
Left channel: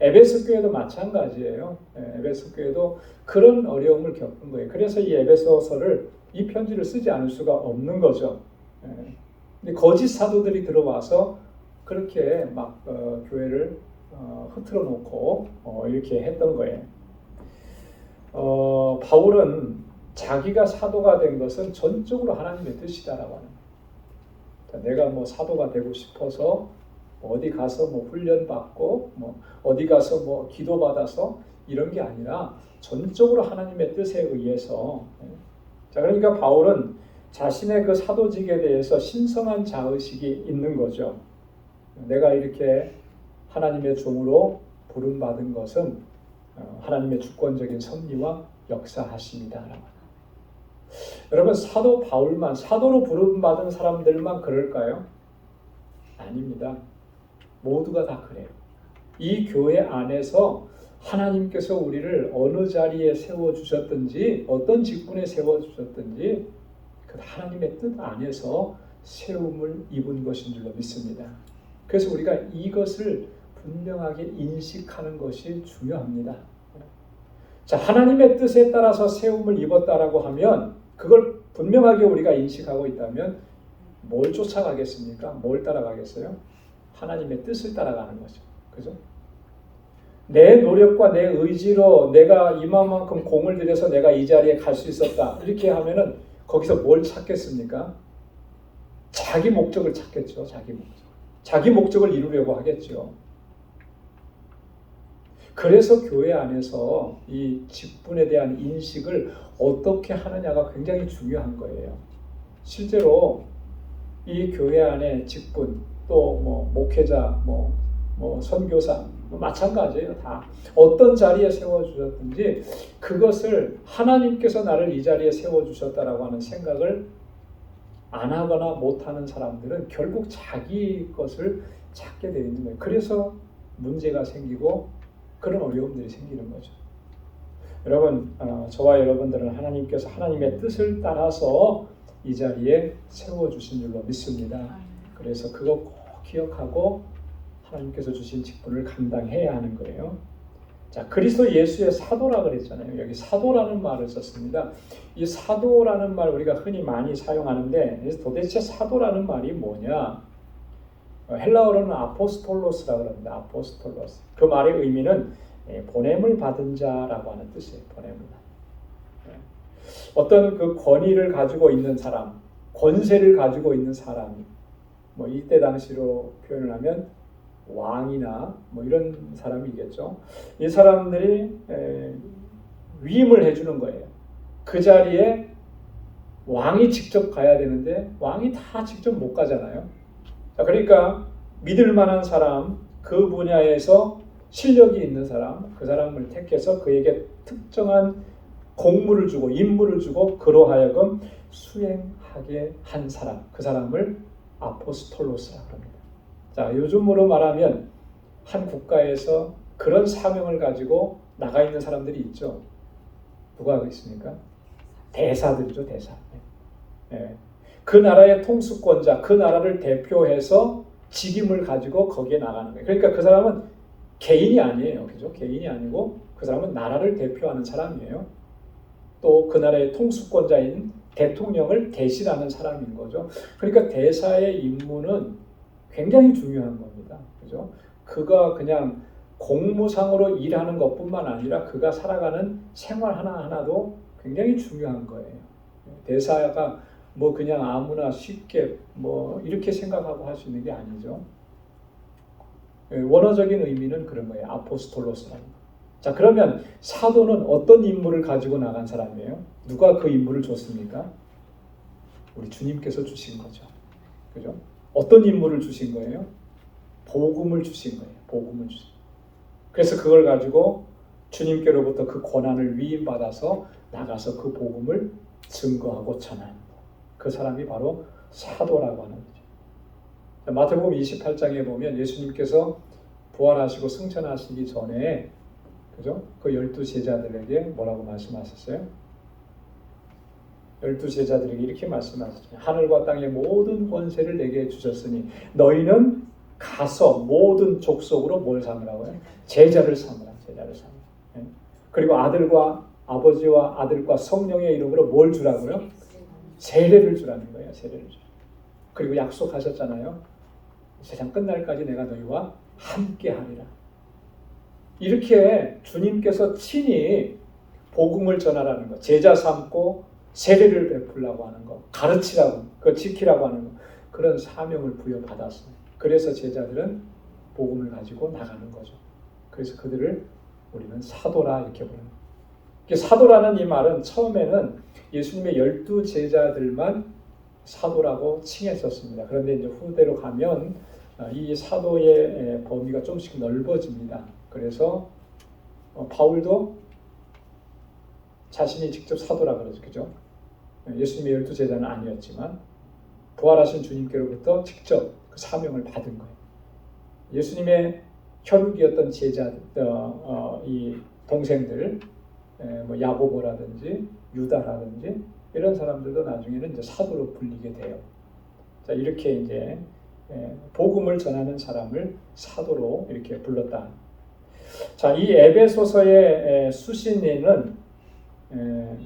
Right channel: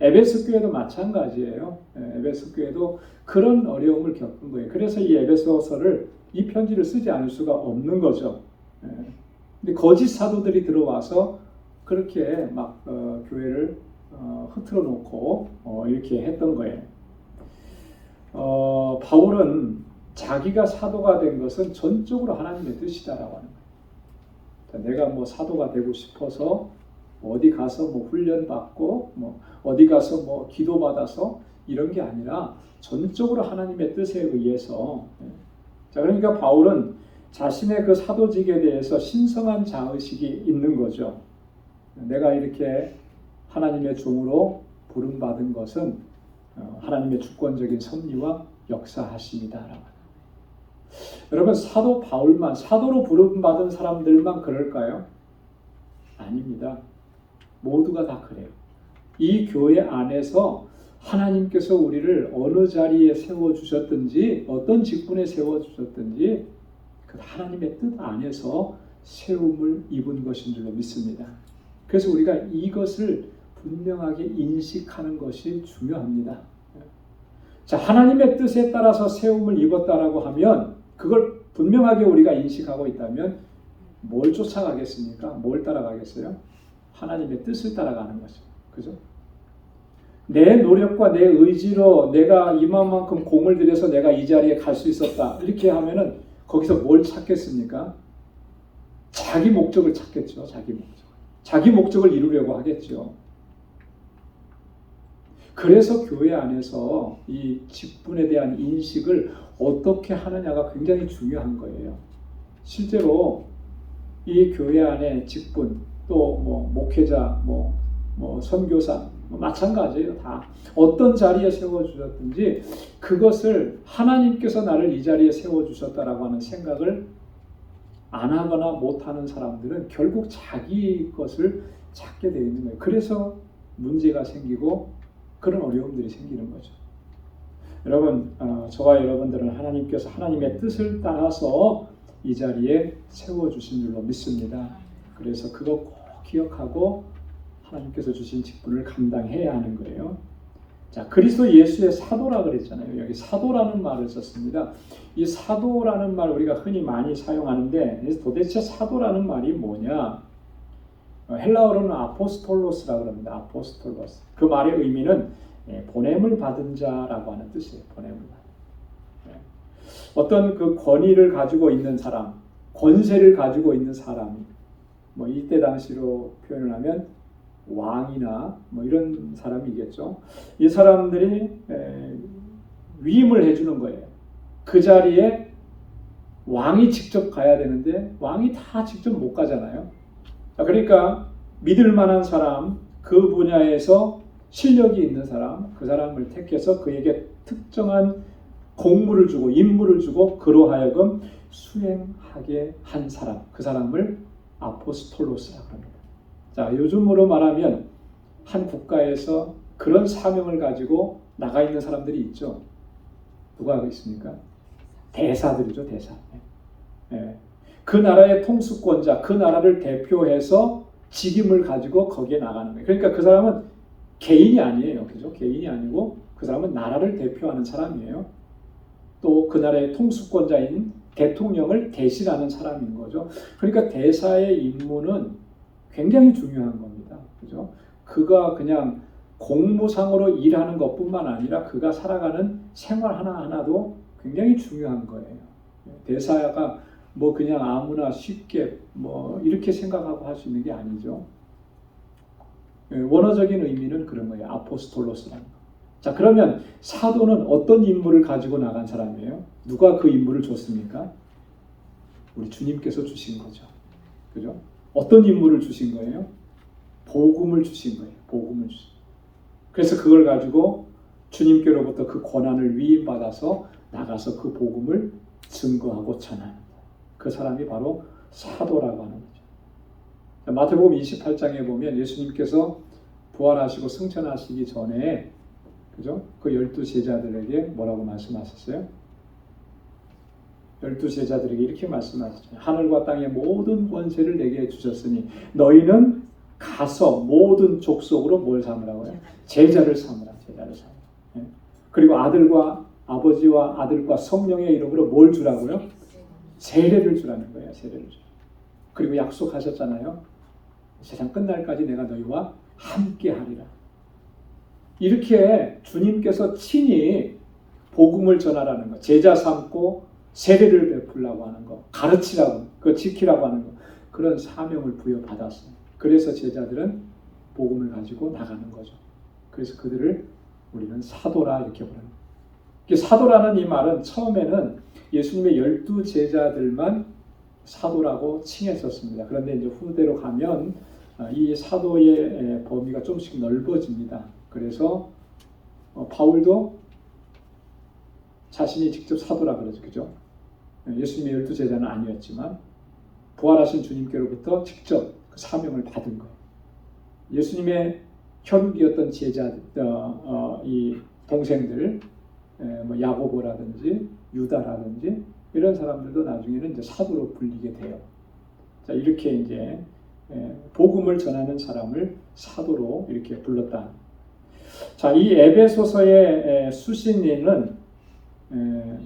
에베소 교회도 마찬가지예요. 에베소 교회도 그런 어려움을 겪은 거예요. 그래서 이 에베소서를 이 편지를 쓰지 않을 수가 없는 거죠. 근데 거짓 사도들이 들어와서 그렇게 막 교회를 흐트러 놓고 이렇게 했던 거예요. 바울은 자기가 사도가 된 것은 전적으로 하나님의 뜻이다라고 하는 거예요. 내가 뭐 사도가 되고 싶어서 어디 가서 뭐 훈련 받고 뭐 어디 가서 뭐 기도 받아서 이런 게 아니라 전적으로 하나님의 뜻에 의해서. 자, 그러니까 바울은 자신의 그 사도직에 대해서 신성한 자의식이 있는 거죠. 내가 이렇게 하나님의 종으로 부름받은 것은 하나님의 주권적인 섭리와 역사하심이다. 여러분, 사도 바울만, 사도로 부름받은 사람들만 그럴까요? 아닙니다. 모두가 다 그래요. 이 교회 안에서 하나님께서 우리를 어느 자리에 세워주셨든지 어떤 직분에 세워주셨든지 그 하나님의 뜻 안에서 세움을 입은 것인 줄로 믿습니다. 그래서 우리가 이것을 분명하게 인식하는 것이 중요합니다. 자, 하나님의 뜻에 따라서 세움을 입었다라고 하면 그걸 분명하게 우리가 인식하고 있다면 뭘 쫓아가겠습니까? 뭘 따라가겠어요? 하나님의 뜻을 따라가는 거죠. 그죠? 내 노력과 내 의지로 내가 이만큼 공을 들여서 내가 이 자리에 갈 수 있었다. 이렇게 하면은 거기서 뭘 찾겠습니까? 자기 목적을 찾겠죠. 자기 목적. 자기 목적을 이루려고 하겠죠. 그래서 교회 안에서 이 직분에 대한 인식을 어떻게 하느냐가 굉장히 중요한 거예요. 실제로 이 교회 안에 직분, 또 뭐 목회자, 뭐 선교사 마찬가지예요. 다 어떤 자리에 세워주셨든지 그것을 하나님께서 나를 이 자리에 세워주셨다라고 하는 생각을 안 하거나 못하는 사람들은 결국 자기 것을 찾게 되어 있는 거예요. 그래서 문제가 생기고 그런 어려움들이 생기는 거죠. 여러분, 저와 여러분들은 하나님께서 하나님의 뜻을 따라서 이 자리에 세워주신 줄로 믿습니다. 그래서 그거 꼭 기억하고 하나님께서 주신 직분을 감당해야 하는 거예요. 자, 그리스도 예수의 사도라 그랬잖아요. 여기 사도라는 말을 썼습니다. 이 사도라는 말 우리가 흔히 많이 사용하는데 도대체 사도라는 말이 뭐냐? 헬라어로는 아포스톨로스라 그럽니다. 아포스톨로스. 그 말의 의미는 보냄을 받은 자라고 하는 뜻이에요. 보냄을 받은. 어떤 그 권위를 가지고 있는 사람, 권세를 가지고 있는 사람이 뭐 이때 당시로 표현을 하면 왕이나 뭐 이런 사람이겠죠. 이 사람들이 위임을 해주는 거예요. 그 자리에 왕이 직접 가야 되는데 왕이 다 직접 못 가잖아요. 그러니까 믿을 만한 사람, 그 분야에서 실력이 있는 사람, 그 사람을 택해서 그에게 특정한 공무를 주고 임무를 주고 그로 하여금 수행하게 한 사람, 그 사람을 아포스톨로스라고 합니다. 자, 요즘으로 말하면 한 국가에서 그런 사명을 가지고 나가 있는 사람들이 있죠. 누가 있습니까? 대사들이죠, 대사. 네. 그 나라의 통수권자, 그 나라를 대표해서 직임을 가지고 거기에 나가는 거예요. 그러니까 그 사람은 개인이 아니에요, 그죠? 개인이 아니고 그 사람은 나라를 대표하는 사람이에요. 또 그 나라의 통수권자인 대통령을 대신하는 사람인 거죠. 그러니까 대사의 임무는 굉장히 중요한 겁니다. 그죠? 그가 그냥 공무상으로 일하는 것뿐만 아니라 그가 살아가는 생활 하나하나도 굉장히 중요한 거예요. 대사가 뭐 그냥 아무나 쉽게 뭐 이렇게 생각하고 할 수 있는 게 아니죠. 원어적인 의미는 그런 거예요. 아포스톨로스라는 거. 자, 그러면 사도는 어떤 임무를 가지고 나간 사람이에요? 누가 그 임무를 줬습니까? 우리 주님께서 주신 거죠. 그죠? 어떤 임무를 주신 거예요? 복음을 주신 거예요. 복음을 주신. 그래서 그걸 가지고 주님께로부터 그 권한을 위임받아서 나가서 그 복음을 증거하고 전하는 거예요. 그 사람이 바로 사도라고 하는 거죠. 마태복음 28장에 보면 예수님께서 부활하시고 승천하시기 전에 그죠? 그 12제자들에게 뭐라고 말씀하셨어요? 12제자들에게 이렇게 말씀하셨죠. 하늘과 땅의 모든 권세를 내게 주셨으니 너희는 가서 모든 족속으로 뭘 삼으라고요? 제자를 삼으라. 제자를 삼으라. 네? 그리고 아들과 아버지와 아들과 성령의 이름으로 뭘 주라고요? 세례를 주라는 거예요. 세례를 주. 그리고 약속하셨잖아요. 세상 끝날까지 내가 너희와 함께 하리라. 이렇게 주님께서 친히 복음을 전하라는 거, 제자 삼고 세례를 베풀라고 하는 거, 가르치라고, 그 지키라고 하는 거, 그런 사명을 부여받았어요. 그래서 제자들은 복음을 가지고 나가는 거죠. 그래서 그들을 우리는 사도라 이렇게 부르는 거예요. 사도라는 이 말은 처음에는 예수님의 12제자들만 사도라고 칭했었습니다. 그런데 이제 후대로 가면 이 사도의 범위가 조금씩 넓어집니다. 그래서 바울도 자신이 직접 사도라 그러죠. 그죠? 예수님의 12제자는 아니었지만 부활하신 주님께로부터 직접 그 사명을 받은 거예요. 예수님의 혈육이었던 제자들, 이 동생들, 뭐 야고보라든지 유다라든지 이런 사람들도 나중에는 이제 사도로 불리게 돼요. 자, 이렇게 이제 복음을 전하는 사람을 사도로 이렇게 불렀다. 자, 이 에베소서의 수신인은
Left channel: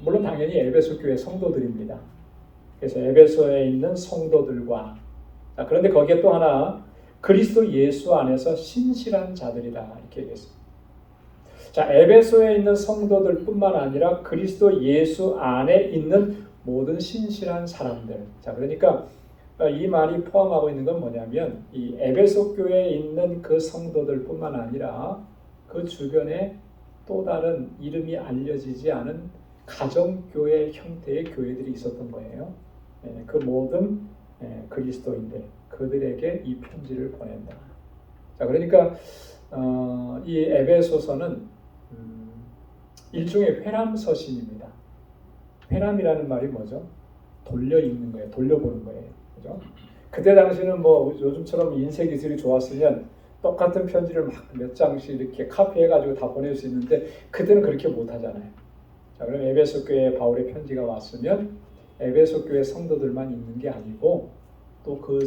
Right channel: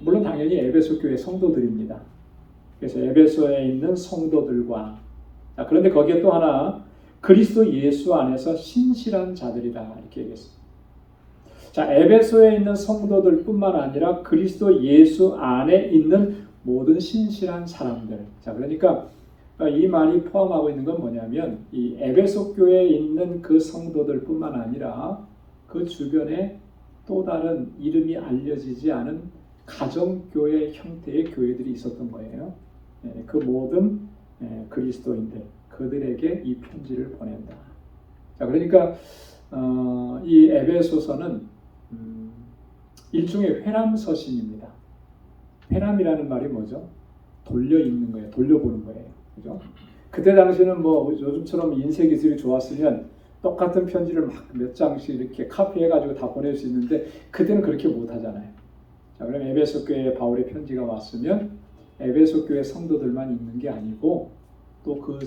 물론 당연히 에베소 교회 성도들입니다. 그래서 에베소에 있는 성도들과 자, 그런데 거기에 또 하나 그리스도 예수 안에서 신실한 자들이다 이렇게 얘기했습니다. 자, 에베소에 있는 성도들뿐만 아니라 그리스도 예수 안에 있는 모든 신실한 사람들. 자, 그러니까 이 말이 포함하고 있는 건 뭐냐면 이 에베소 교회에 있는 그 성도들뿐만 아니라 그 주변에 또 다른 이름이 알려지지 않은 가정교회 형태의 교회들이 있었던 거예요. 그 모든 그리스도인들 그들에게 이 편지를 보낸다. 자, 그러니까 이 에베소서는 일종의 회람서신입니다. 회람이라는 말이 뭐죠? 돌려 읽는 거예요. 돌려보는 거예요. 그죠? 그때 당시는 뭐 요즘처럼 인쇄 기술이 좋았으면 똑같은 편지를 막 몇 장씩 이렇게 카피해가지고 다 보낼 수 있는데 그때는 그렇게 못 하잖아요. 자, 그럼 에베소 교회에 바울의 편지가 왔으면 에베소 교회 성도들만 읽는 게 아니고 또 그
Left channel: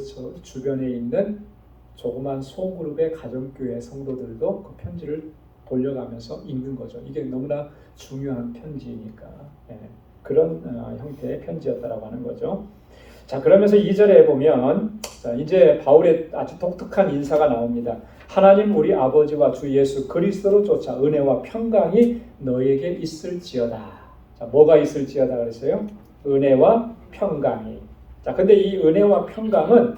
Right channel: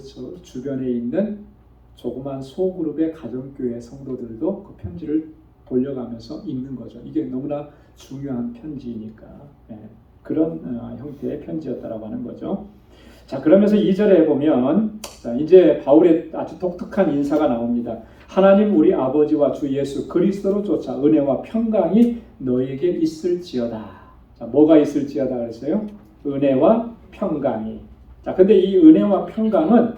주변에 있는 조그만 소그룹의 가정교회 성도들도 그 편지를 돌려가면서 읽는 거죠. 이게 너무나 중요한 편지니까 그런 형태의 편지였다라고 하는 거죠. 자, 그러면서 2절에 보면 자, 이제 바울의 아주 독특한 인사가 나옵니다. 하나님 우리 아버지와 주 예수 그리스도로 쫓아 은혜와 평강이 너에게 있을지어다. 자, 뭐가 있을지어다 그랬어요? 은혜와 평강이. 자, 근데 이 은혜와 평강은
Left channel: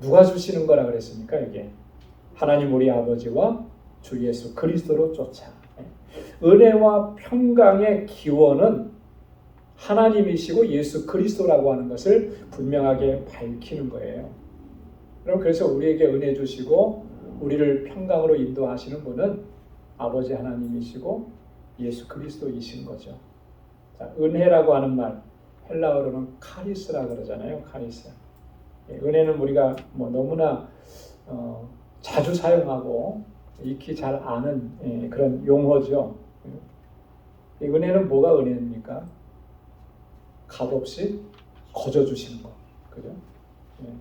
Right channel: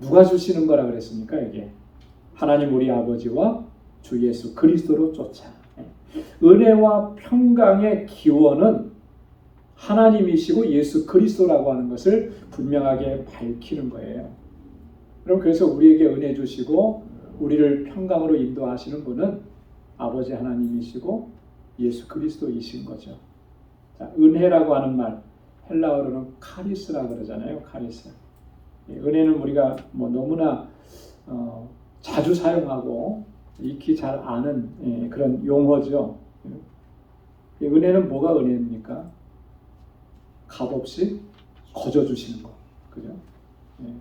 누가 주시는 거라 그랬습니까? 이게 하나님 우리 아버지와 주 예수 그리스도로 쫓아. 은혜와 평강의 기원은 하나님이시고 예수 그리스도라고 하는 것을 분명하게 밝히는 거예요. 그럼 그래서 우리에게 은혜 주시고 우리를 평강으로 인도하시는 분은 아버지 하나님이시고 예수 그리스도이신 거죠. 자, 은혜라고 하는 말 헬라어로는 카리스라고 그러잖아요. 카리스. 은혜는 우리가 뭐 너무나 자주 사용하고 익히 잘 아는 그런 용어죠. 이 은혜는 뭐가 은혜입니까? 값없이 거저 주시는 거, 그죠?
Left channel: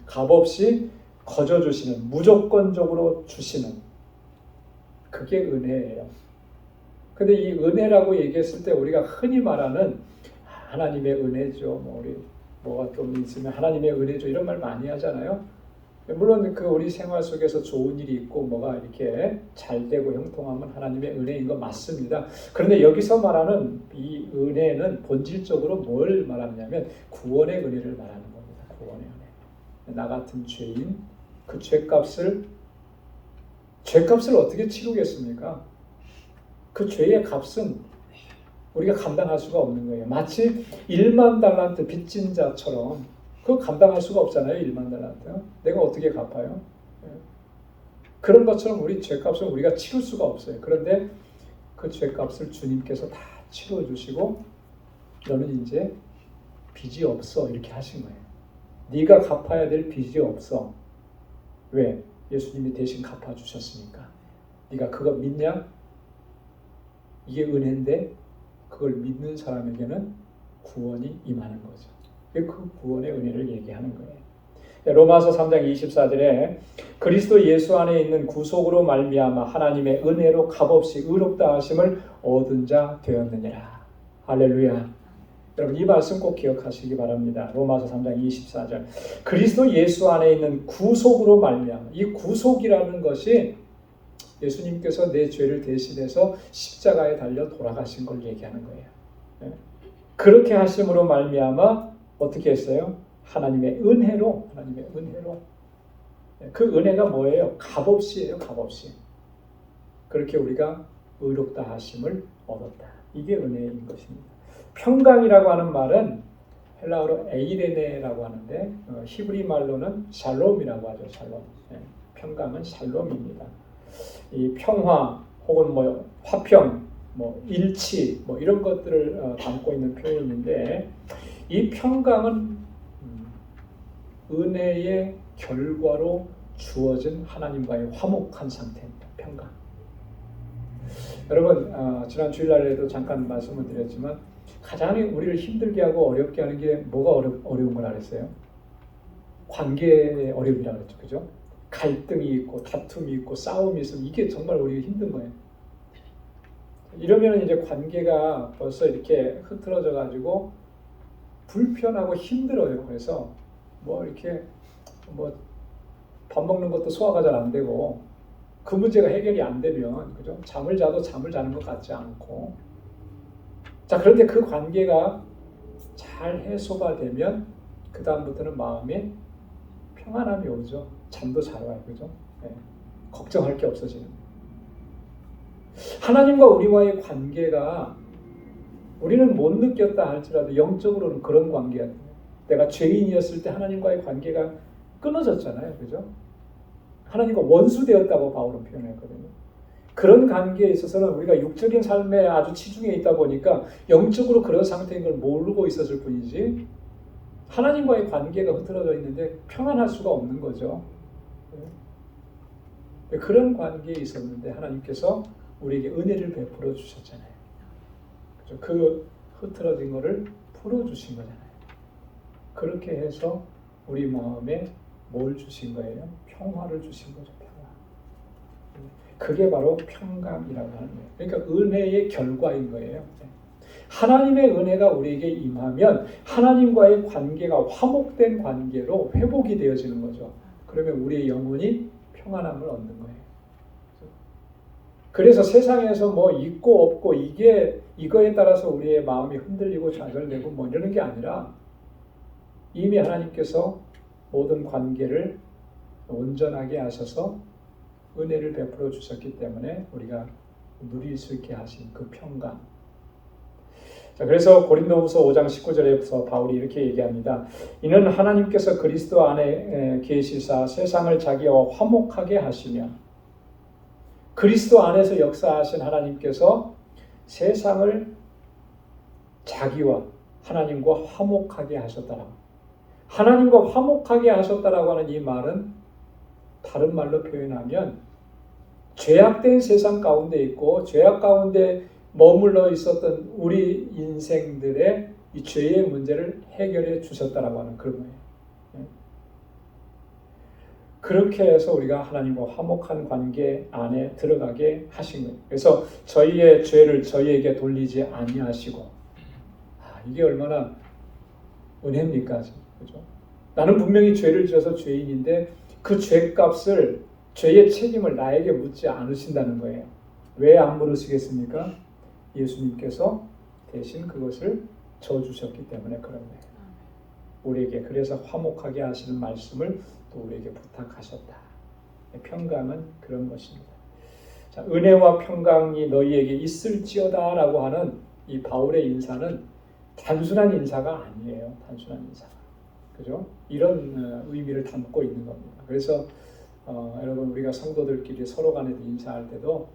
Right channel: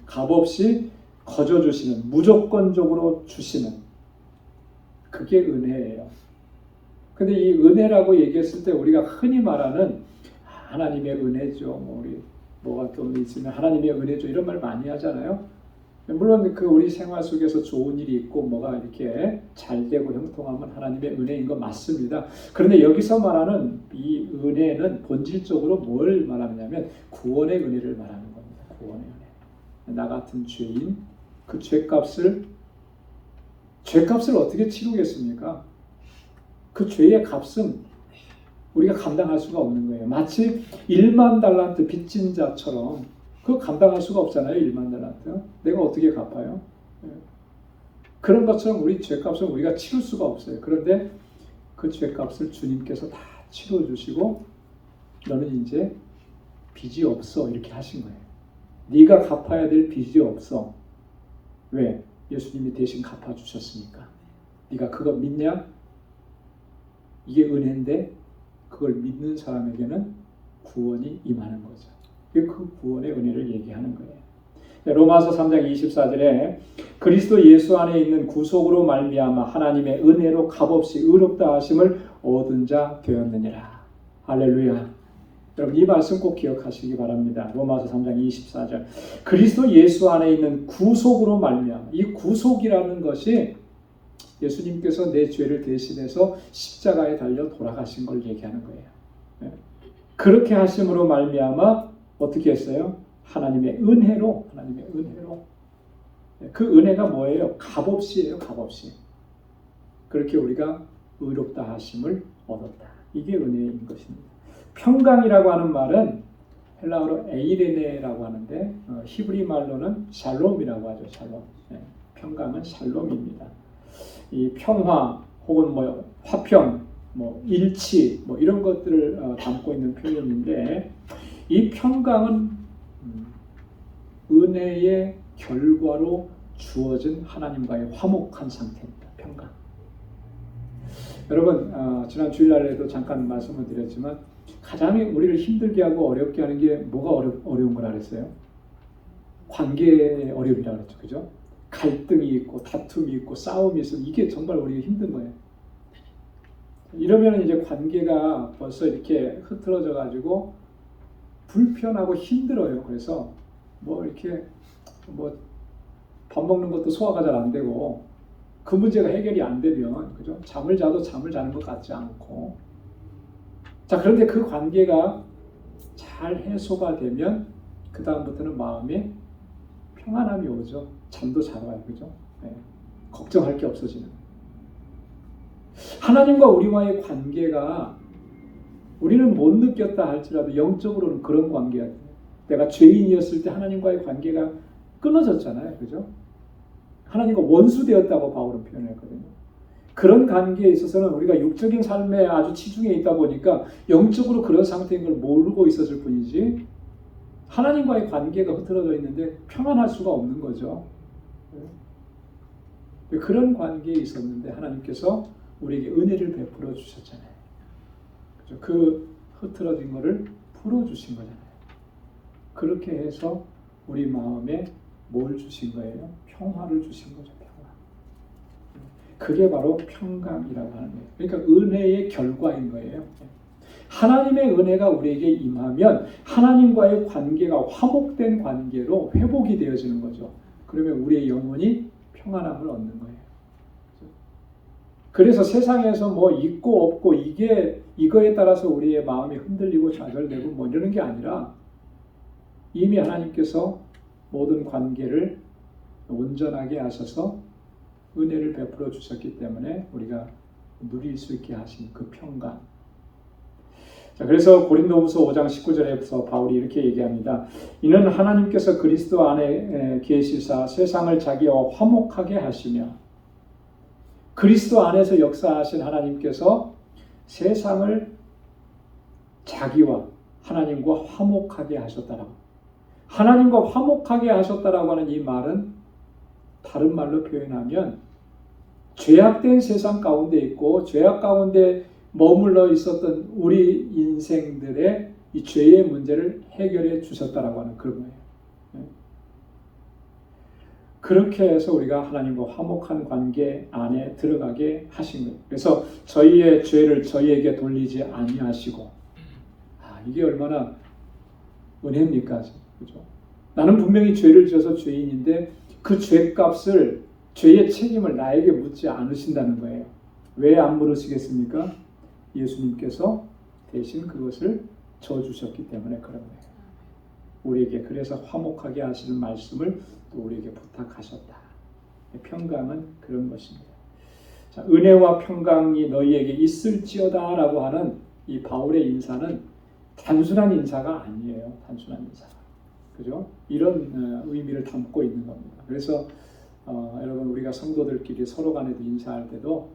값없이 거저 주시는, 무조건적으로 주시는 그게 은혜예요. 근데 이 은혜라고 얘기했을 때 우리가 흔히 말하는 하나님의 은혜죠. 뭐 우리 뭐가 좀 있으면 하나님의 은혜죠. 이런 말 많이 하잖아요. 물론 그 우리 생활 속에서 좋은 일이 있고 뭐가 이렇게 잘 되고 형통하면 하나님의 은혜인 건 맞습니다. 그런데 여기서 말하는 이 은혜는 본질적으로 뭘 말하냐면 구원의 은혜를 말하는 겁니다. 구원의 은혜. 나 같은 죄인 그 죄값을 어떻게 치르겠습니까? 그 죄의 값은 우리가 감당할 수가 없는 거예요. 마치 1만 달란트 빚진 자처럼 그거 감당할 수가 없잖아요. 1만 달란트. 내가 어떻게 갚아요? 그런 것처럼 우리 죄값을 우리가 치를 수가 없어요. 그런데 그 죄값을 주님께서 다 치러주시고 너는 이제 빚이 없어 이렇게 하신 거예요. 네가 갚아야 될 빚이 없어. 왜? 예수님이 대신 갚아주셨으니까. 네가 그거 믿냐? 이게 은혜인데 그걸 믿는 사람에게는 구원이 임하는 거죠. 그 구원의 은혜를 얘기하는 거예요. 로마서 3장 24절에 그리스도 예수 안에 있는 구속으로 말미암아 하나님의 은혜로 값없이 의롭다 하심을 얻은 자 되었느니라. 할렐루야. 여러분 이 말씀 꼭 기억하시기 바랍니다. 로마서 3장 24절 그리스도 예수 안에 있는 구속으로 말미암아 이 구속이라는 것이 예수님께서 내 죄를 대신해서 십자가에 달려 돌아가신 걸 얘기하는 거예요. 그렇게 하심으로 말미암아 어떻게 했어요? 하나님의 은혜로 그 은혜가 뭐예요? 값없이예요. 값없이. 그렇게 우리가 의롭다 하심을 얻었다. 이게 은혜인 것입니다. 평강이라고 하는 말은 헬라어로 에이레네라고 하는데 히브리 말로는 샬롬이라고 하죠. 샬롬. 평강은 샬롬입니다. 이 평화 혹은 뭐 화평, 뭐 일치, 뭐 이런 것들을 담고 있는 표현인데 이 평강은 은혜의 결과로 주어진 하나님과의 화목한 상태입니다. 평강. 여러분 지난 주일날에도 잠깐 말씀을 드렸지만 가장 우리를 힘들게 하고 어렵게 하는 게 뭐가 어려운 거라 그랬어요? 관계의 어려움이라고 그랬죠. 그죠? 갈등이 있고 다툼이 있고 싸움이 있으면 이게 정말 우리가 힘든 거예요. 이러면 이제 관계가 벌써 이렇게 흐트러져 가지고 불편하고 힘들어요. 그래서 뭐 이렇게 뭐 밥 먹는 것도 소화가 잘 안 되고 그 문제가 해결이 안 되면 그죠? 잠을 자도 잠을 자는 것 같지 않고 자 그런데 그 관계가 잘 해소가 되면 그 다음부터는 마음에 평안함이 오죠. 잠도 잘 와요. 그죠? 걱정할 게 없어지는 거예요. 하나님과 우리와의 관계가 우리는 못 느꼈다 할지라도 영적으로는 그런 관계예요. 내가 죄인이었을 때 하나님과의 관계가 끊어졌잖아요. 그죠? 하나님과 원수되었다고 바울은 표현했거든요. 그런 관계에 있어서는 우리가 육적인 삶에 아주 치중해 있다 보니까 영적으로 그런 상태인 걸 모르고 있었을 뿐이지 하나님과의 관계가 흐트러져 있는데 평안할 수가 없는 거죠. 그런 관계에 있었는데 하나님께서 우리에게 은혜를 베풀어 주셨잖아요. 그 흐트러진 거를 풀어주신 거잖아요. 그렇게 해서 우리 마음에 뭘 주신 거예요? 평화를 주신 거죠. 평화. 그게 바로 평강이라고 하는 거예요. 그러니까 은혜의 결과인 거예요. 하나님의 은혜가 우리에게 임하면 하나님과의 관계가 화목된 관계로 회복이 되어지는 거죠. 그러면 우리의 영혼이 평안함을 얻는 거예요. 그래서 세상에서 뭐 있고 없고 이거에 따라서 우리의 마음이 흔들리고 좌절되고 뭐 이러는 게 아니라 이미 하나님께서 모든 관계를 온전하게 하셔서 은혜를 베풀어 주셨기 때문에 우리가 누릴 수 있게 하신 그 평강. 자, 그래서 고린도후서 5장 19절에서 바울이 이렇게 얘기합니다. 이는 하나님께서 그리스도 안에 계시사 세상을 자기와 화목하게 하시며 그리스도 안에서 역사하신 하나님께서 세상을 자기와 하나님과 화목하게 하셨다라고. 하나님과 화목하게 하셨다라고 하는 이 말은 다른 말로 표현하면 죄악된 세상 가운데 있고 죄악 가운데 머물러 있었던 우리 인생들의 이 죄의 문제를 해결해 주셨다라고 하는 그런 거예요. 그렇게 해서 우리가 하나님과 화목한 관계 안에 들어가게 하신 거예요. 그래서 저희의 죄를 저희에게 돌리지 아니하시고, 이게 얼마나 은혜입니까? 그죠? 나는 분명히 죄를 지어서 죄인인데 그 죄값을, 죄의 책임을 나에게 묻지 않으신다는 거예요. 왜 안 물으시겠습니까? 예수님께서 대신 그것을 져주셨기 때문에 그런 거예요. 우리에게 그래서 화목하게 하시는 말씀을 또 우리에게 부탁하셨다. 평강은 그런 것입니다. 자, 은혜와 평강이 너희에게 있을지어다 라고 하는 이 바울의 인사는 단순한 인사가 아니에요. 단순한 인사가. 그죠? 이런 의미를 담고 있는 겁니다. 그래서 여러분 우리가 성도들끼리 서로 간에 인사할 때도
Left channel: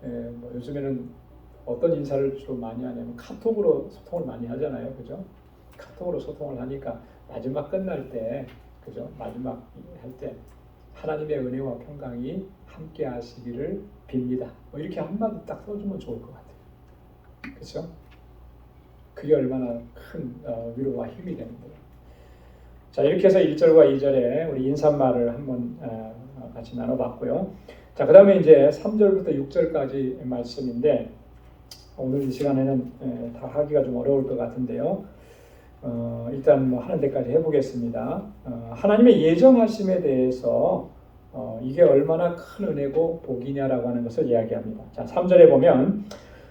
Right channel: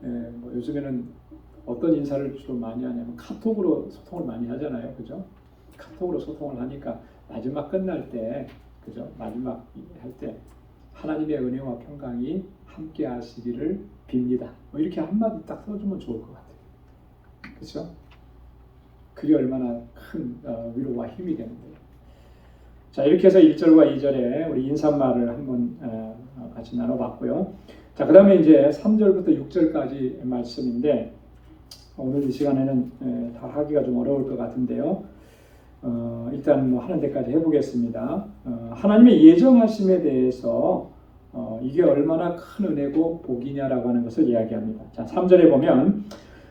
뭐 요즘에는 어떤 인사를 주로 많이 하냐면 카톡으로 소통을 많이 하잖아요. 그죠? 카톡으로 소통을 하니까 마지막 끝날 때, 그죠? 마지막 할 때 하나님의 은혜와 평강이 함께 하시기를 빕니다. 뭐 이렇게 한마디 딱 써주면 좋을 것 같아요. 그렇죠? 그게 얼마나 큰 위로와 힘이 되는데요. 자, 이렇게 해서 1절과 2절에 우리 인사말을 한번 같이 나눠봤고요. 자, 그 다음에 이제 3절부터 6절까지 말씀인데 오늘 이 시간에는 다 하기가 좀 어려울 것 같은데요. 일단 뭐 하는 데까지 해보겠습니다. 하나님의 예정하심에 대해서 이게 얼마나 큰 은혜고 복이냐라고 하는 것을 이야기합니다. 자, 3절에 보면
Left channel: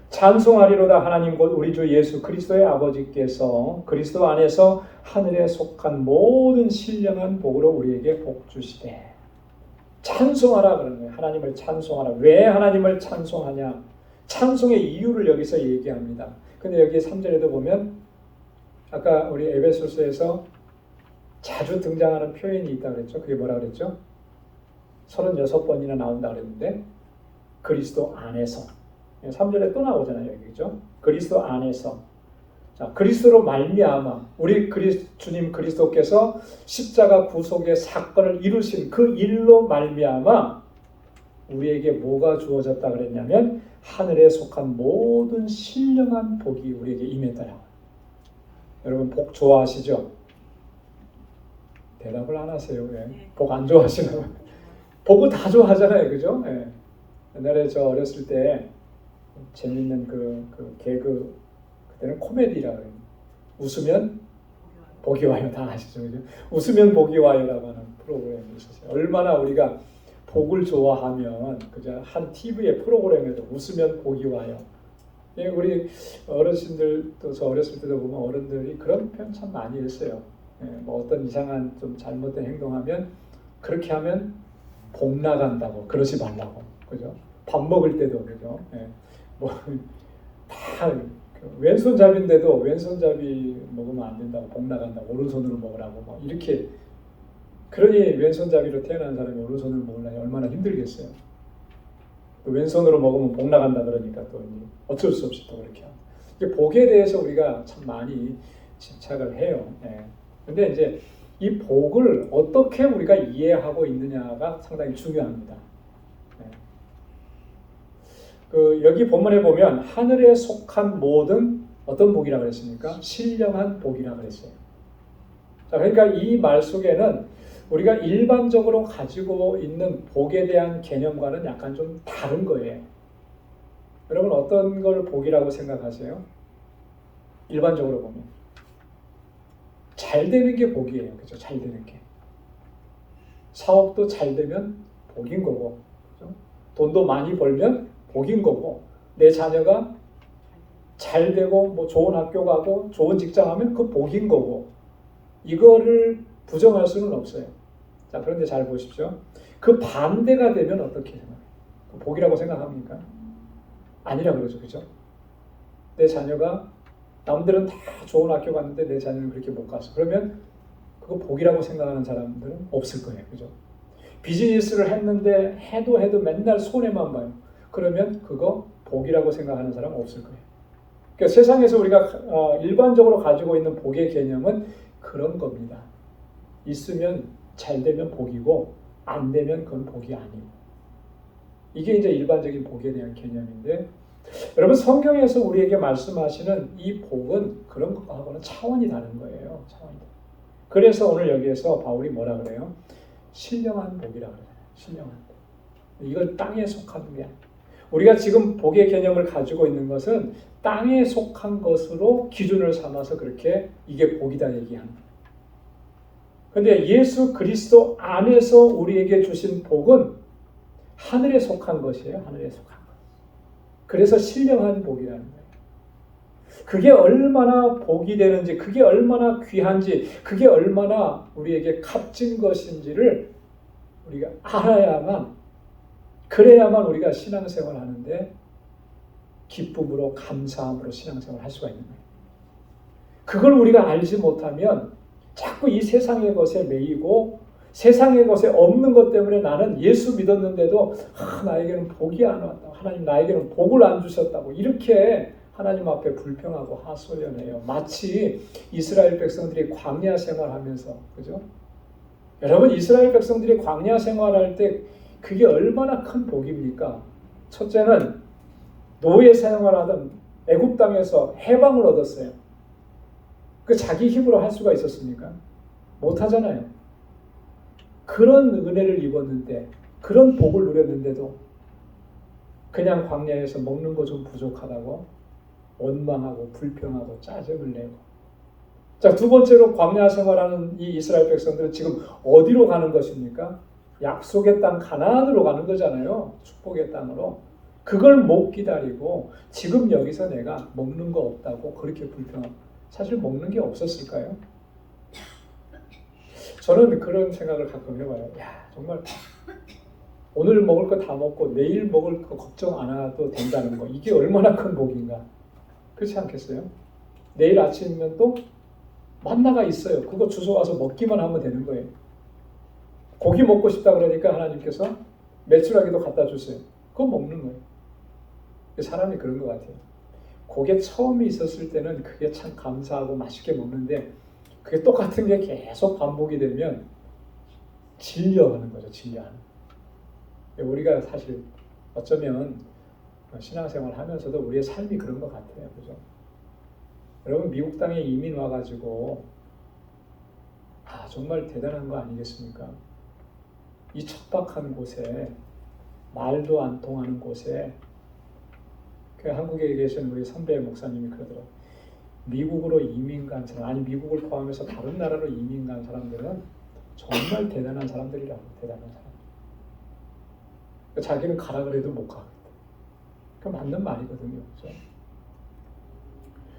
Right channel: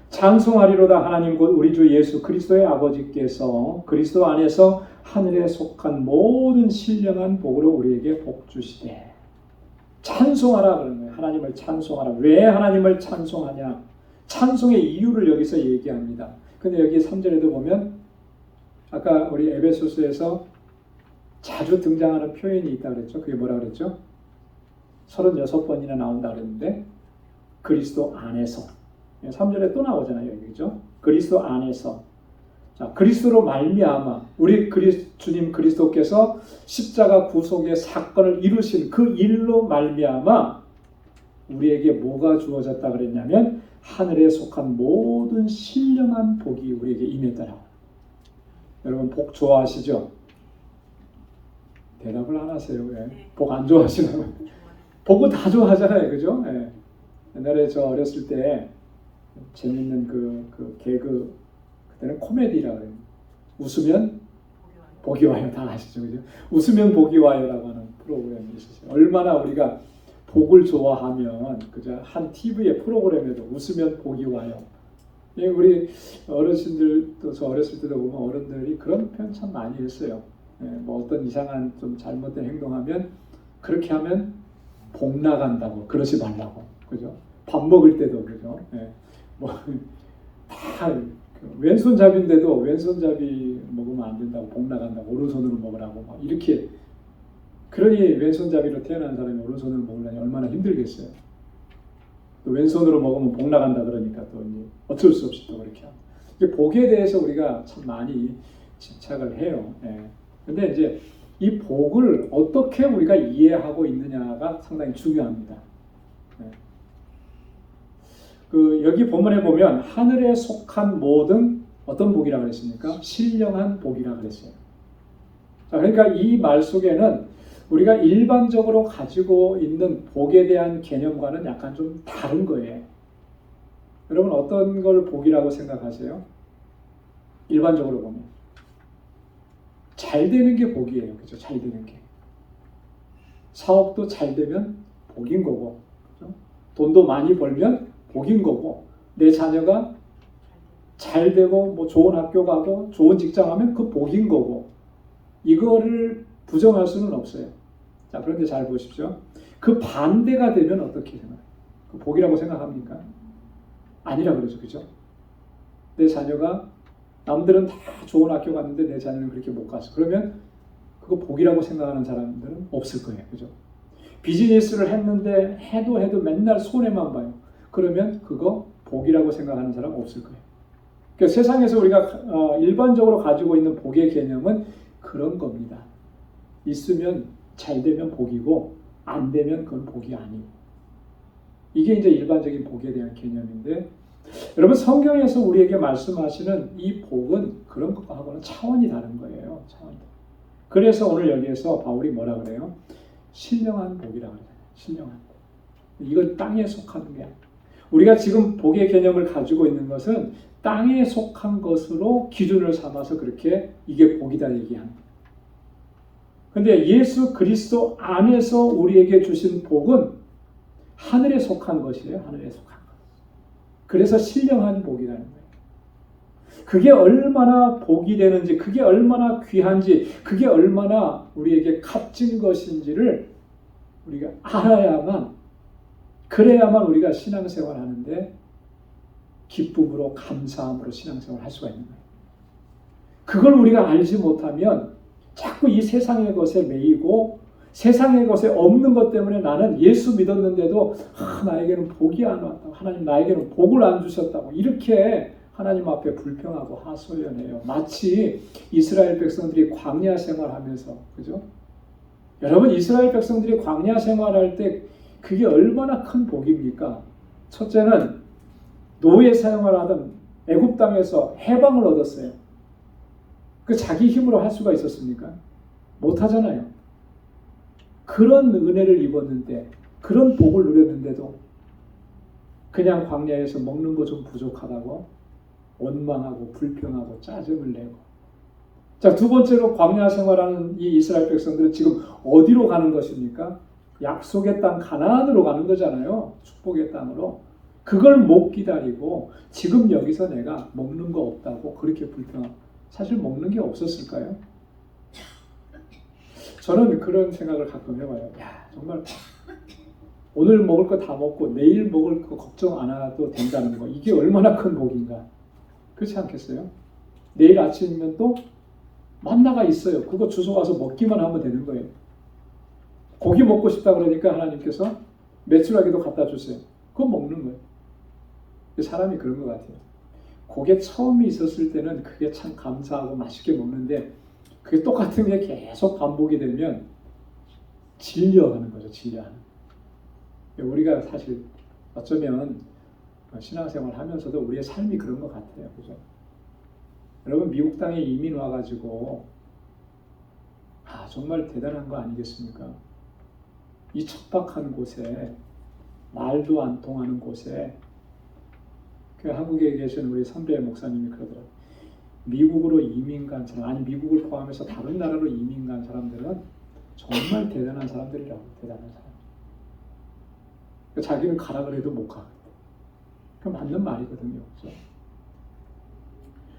찬송하리로다 하나님 곧 우리 주 예수 그리스도의 아버지께서 그리스도 안에서 하늘에 속한 모든 신령한 복으로 우리에게 복 주시되. 찬송하라 그러는 거예요. 하나님을 찬송하라. 왜 하나님을 찬송하냐? 찬송의 이유를 여기서 얘기합니다. 근데 여기 3절에도 보면 아까 우리 에베소서에서 자주 등장하는 표현이 있다 그랬죠. 그게 뭐라 그랬죠? 36번이나 나온다 그랬는데 그리스도 안에서. 3절에 또 나오잖아요. 여기죠. 그리스도 안에서. 자, 그리스도로 말미암아 우리 주님 그리스도께서 십자가 구속의 사건을 이루신 그 일로 말미암아 우리에게 뭐가 주어졌다 그랬냐면 하늘에 속한 모든 신령한 복이 우리에게 임했다. 여러분 복 좋아하시죠? 대답을 안 하세요. 왜? 복 안 좋아하시나요? 복은 다 좋아하잖아요. 그죠? 네. 옛날에 저 어렸을 때 재밌는 그 개그, 그때는 코미디라고 해요. 웃으면 복이 와요. 다 아시죠? 그죠? 웃으면 복이 와요라고 하는 프로그램이 있었어요. 얼마나 우리가 복을 좋아하면 그죠? 한 TV의 프로그램에도 웃으면 복이 와요. 우리 어르신들도 저 어렸을 때도 보면 어른들이 그런 표현 참 많이 했어요. 뭐 어떤 이상한 좀 잘못된 행동하면 그렇게 하면 복 나간다고 그러지 말라고. 그죠? 밥 먹을 때도 그죠? 뭐 다 왼손잡이인데도 왼손잡이 먹으면 안 된다고 복 나간다고 오른손으로 먹으라고 막 이렇게. 그러니 왼손잡이로 태어난 사람이 오른손으로 먹으려면 얼마나 힘들겠어요. 왼손으로 먹으면 복 나간다 그러니까 또 어쩔 수 없이 또 그렇게 합니다. 복에 대해서 우리가 참 많이 집착을 해요. 근데 이제 이 복을 어떻게 우리가 이해하고 있느냐가 상당히 중요합니다. 네. 여기 본문에 보면 하늘에 속한 모든 어떤 복이라고 그랬습니까? 신령한 복이라고 그랬어요. 자, 그러니까 이 말 속에는 우리가 일반적으로 가지고 있는 복에 대한 개념과는 약간 좀 다른 거예요. 여러분 어떤 걸 복이라고 생각하세요? 일반적으로 보면 잘 되는 게 복이에요. 그죠? 잘 되는 게. 사업도 잘 되면 복인 거고, 그죠? 돈도 많이 벌면 복인 거고, 내 자녀가 잘 되고 뭐 좋은 학교 가고 좋은 직장 하면 그 복인 거고, 이거를 부정할 수는 없어요. 자, 그런데 잘 보십시오. 그 반대가 되면 어떻게 생각해요? 그 복이라고 생각합니까? 아니라 그러죠. 그죠? 내 자녀가 남들은 다 좋은 학교 갔는데 내 자녀는 그렇게 못 갔어. 그러면 그거 복이라고 생각하는 사람들은 없을 거예요. 그죠? 비즈니스를 했는데 해도 맨날 손해만 봐요. 그러면 그거 복이라고 생각하는 사람 없을 거예요. 그러니까 세상에서 우리가 일반적으로 가지고 있는 복의 개념은 그런 겁니다. 있으면 잘 되면 복이고 안 되면 그건 복이 아니고. 이게 이제 일반적인 복에 대한 개념인데, 여러분 성경에서 우리에게 말씀하시는 이 복은 그런 것하고는 차원이 다른 거예요. 차원이 다른. 그래서 오늘 여기에서 바울이 뭐라 그래요? 신령한 복이라고 그러잖아요. 신령한 복. 이건 땅에 속하는 게 아니에요. 우리가 지금 복의 개념을 가지고 있는 것은 땅에 속한 것으로 기준을 삼아서 그렇게 이게 복이다 얘기하는 거예요. 그런데 예수 그리스도 안에서 우리에게 주신 복은 하늘에 속한 것이에요. 하늘에 속한 것. 그래서 신령한 복이라는 거예요. 그게 얼마나 복이 되는지, 그게 얼마나 귀한지, 그게 얼마나 우리에게 값진 것인지를 우리가 알아야만, 그래야만 우리가 신앙생활 하는데 기쁨으로 감사함으로 신앙생활 할 수가 있는 거예요. 그걸 우리가 알지 못하면 자꾸 이 세상의 것에 매이고 세상의 것에 없는 것 때문에 나는 예수 믿었는데도 나에게는 복이 안 왔다. 하나님 나에게는 복을 안 주셨다고 이렇게 하나님 앞에 불평하고 하소연해요. 마치 이스라엘 백성들이 광야 생활하면서, 그죠? 여러분 이스라엘 백성들이 광야 생활할 때 그게 얼마나 큰 복입니까? 첫째는 노예 생활하던 애굽 땅에서 해방을 얻었어요. 그 자기 힘으로 할 수가 있었습니까? 못 하잖아요. 그런 은혜를 입었는데, 그런 복을 누렸는데도 그냥 광야에서 먹는 거 좀 부족하다고 원망하고 불평하고 짜증을 내고. 자, 두 번째로 광야 생활하는 이 이스라엘 백성들은 지금 어디로 가는 것입니까? 약속의 땅 가나안으로 가는 거잖아요. 축복의 땅으로. 그걸 못 기다리고 지금 여기서 내가 먹는 거 없다고 그렇게 불평하고. 사실 먹는 게 없었을까요? 저는 그런 생각을 가끔 해봐요. 야, 정말 오늘 먹을 거 다 먹고 내일 먹을 거 걱정 안 해도 된다는 거, 이게 얼마나 큰 복인가. 그렇지 않겠어요? 내일 아침이면 또 만나가 있어요. 그거 주워와서 먹기만 하면 되는 거예요. 고기 먹고 싶다 그러니까 하나님께서 메추라기도 갖다 주세요. 그거 먹는 거예요. 사람이 그런 것 같아요. 그게 처음에 있었을 때는 그게 참 감사하고 맛있게 먹는데 그게 똑같은 게 계속 반복이 되면 질려하는 거죠. 질려하는. 우리가 사실 어쩌면 신앙생활 하면서도 우리의 삶이 그런 것 같아요. 그죠? 여러분 미국 땅에 이민 와가지고 정말 대단한 거 아니겠습니까? 이 척박한 곳에, 말도 안 통하는 곳에, 그 한국에 계신 우리 선배 목사님이 그러더라고요. 미국으로 이민 간 사람, 아니 미국을 포함해서 다른 나라로 이민 간 사람들은 정말 대단한 사람들이라고. 대단한 사람. 자기는 가라 그래도 못 가거든. 그 맞는 말이거든요. 그렇죠?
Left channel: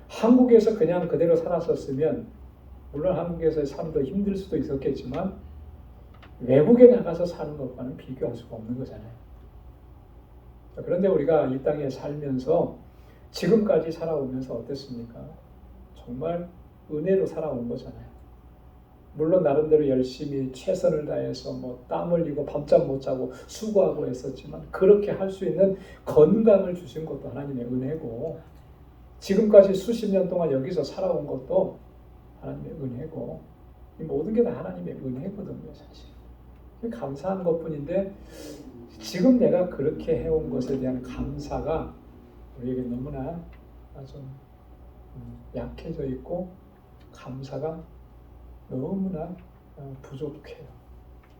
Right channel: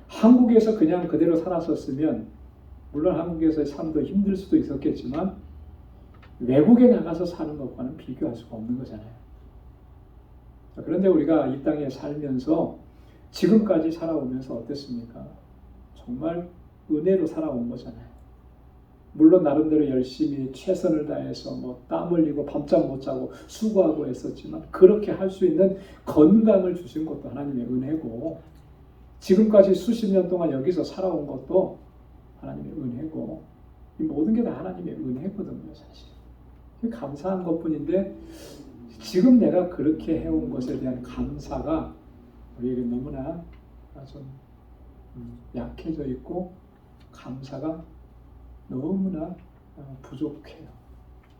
한국에서 그냥 그대로 살았었으면 물론 한국에서의 삶도 힘들 수도 있었겠지만 외국에 나가서 사는 것과는 비교할 수가 없는 거잖아요. 그런데 우리가 이 땅에 살면서 지금까지 살아오면서 어땠습니까? 정말 은혜로 살아온 거잖아요. 물론 나름대로 열심히 최선을 다해서 땀 흘리고 밤잠 못 자고 수고하고 했었지만 그렇게 할 수 있는 건강을 주신 것도 하나님의 은혜고, 지금까지 수십 년 동안 여기서 살아온 것도 하나님의 은혜고, 이 모든 게 다 하나님의 은혜거든요, 사실. 감사한 것뿐인데 지금 내가 그렇게 해온 것에 대한 감사가 우리에게 너무나 좀 약해져 있고 감사가 너무나 부족해요.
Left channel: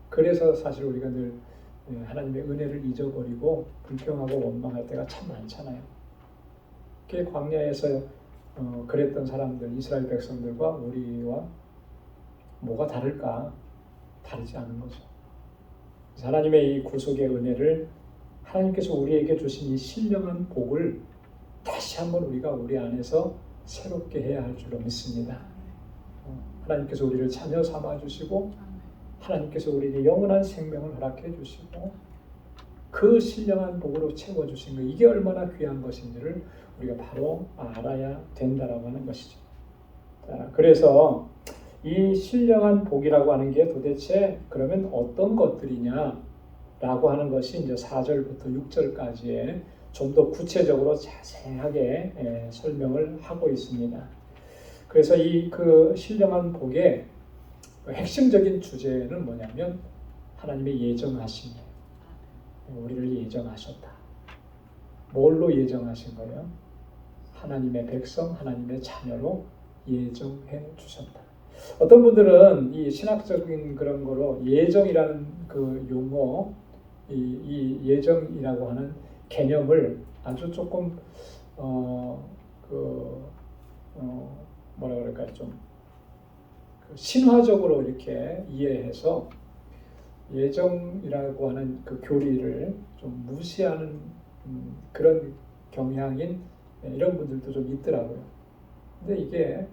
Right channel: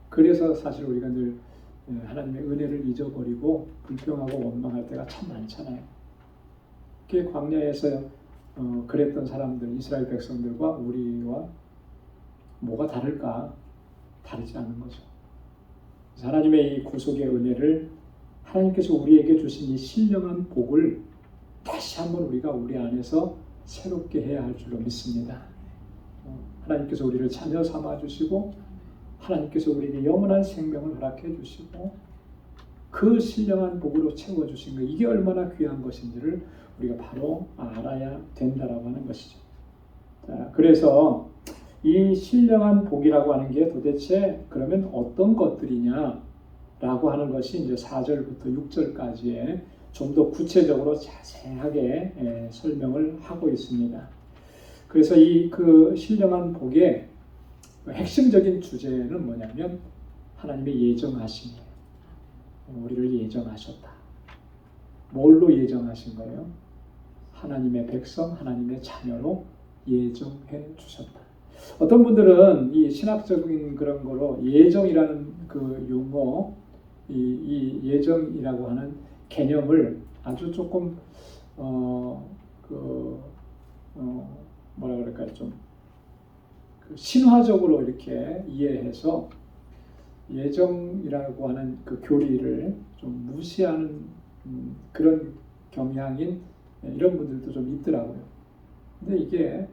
그래서 사실 우리가 늘 하나님의 은혜를 잊어버리고 불평하고 원망할 때가 참 많잖아요. 그 광야에서 그랬던 사람들, 이스라엘 백성들과 우리와 뭐가 다를까? 다르지 않은 거죠. 하나님의 이 구속의 은혜를 하나님께서 우리에게 주신 이 신령한 복을 다시 한번 우리가 우리 안에서 새롭게 해야 할 줄로 믿습니다. 하나님께서 우리를 자녀 삼아 주시고 하나님께서 우리에게 영원한 생명을 허락해 주시고 그 신령한 복으로 채워 주신 것, 이게 얼마나 귀한 것인지를 우리가 바로 알아야 된다라고 하는 것이죠. 자, 그래서 이 신령한 복이라고 하는 게 도대체 그러면 어떤 것들이냐라고 하는 것이 이제 4절부터 6절까지에 좀 더 구체적으로 자세하게 설명을 하고 있습니다. 그래서 이 그 신령한 복의 핵심적인 주제는 뭐냐면 하나님의 예정하심이에요. 우리를 예정하셨다. 뭘로 예정하신 거예요? 하나님의 백성, 하나님의 자녀로 예정해 주셨다. 어떤 분들은 이 신학적인 그런 거로 예정이라는 그 용어, 이 예정이라고 하는 개념을 아주 조금 뭐라 그럴까요? 좀 신화적으로 이렇게 이해해서 예정이라고 하는 그 교리를 좀 무시하는 그런 경향인 이런 분들도 좀 있더라고요. 근데 이게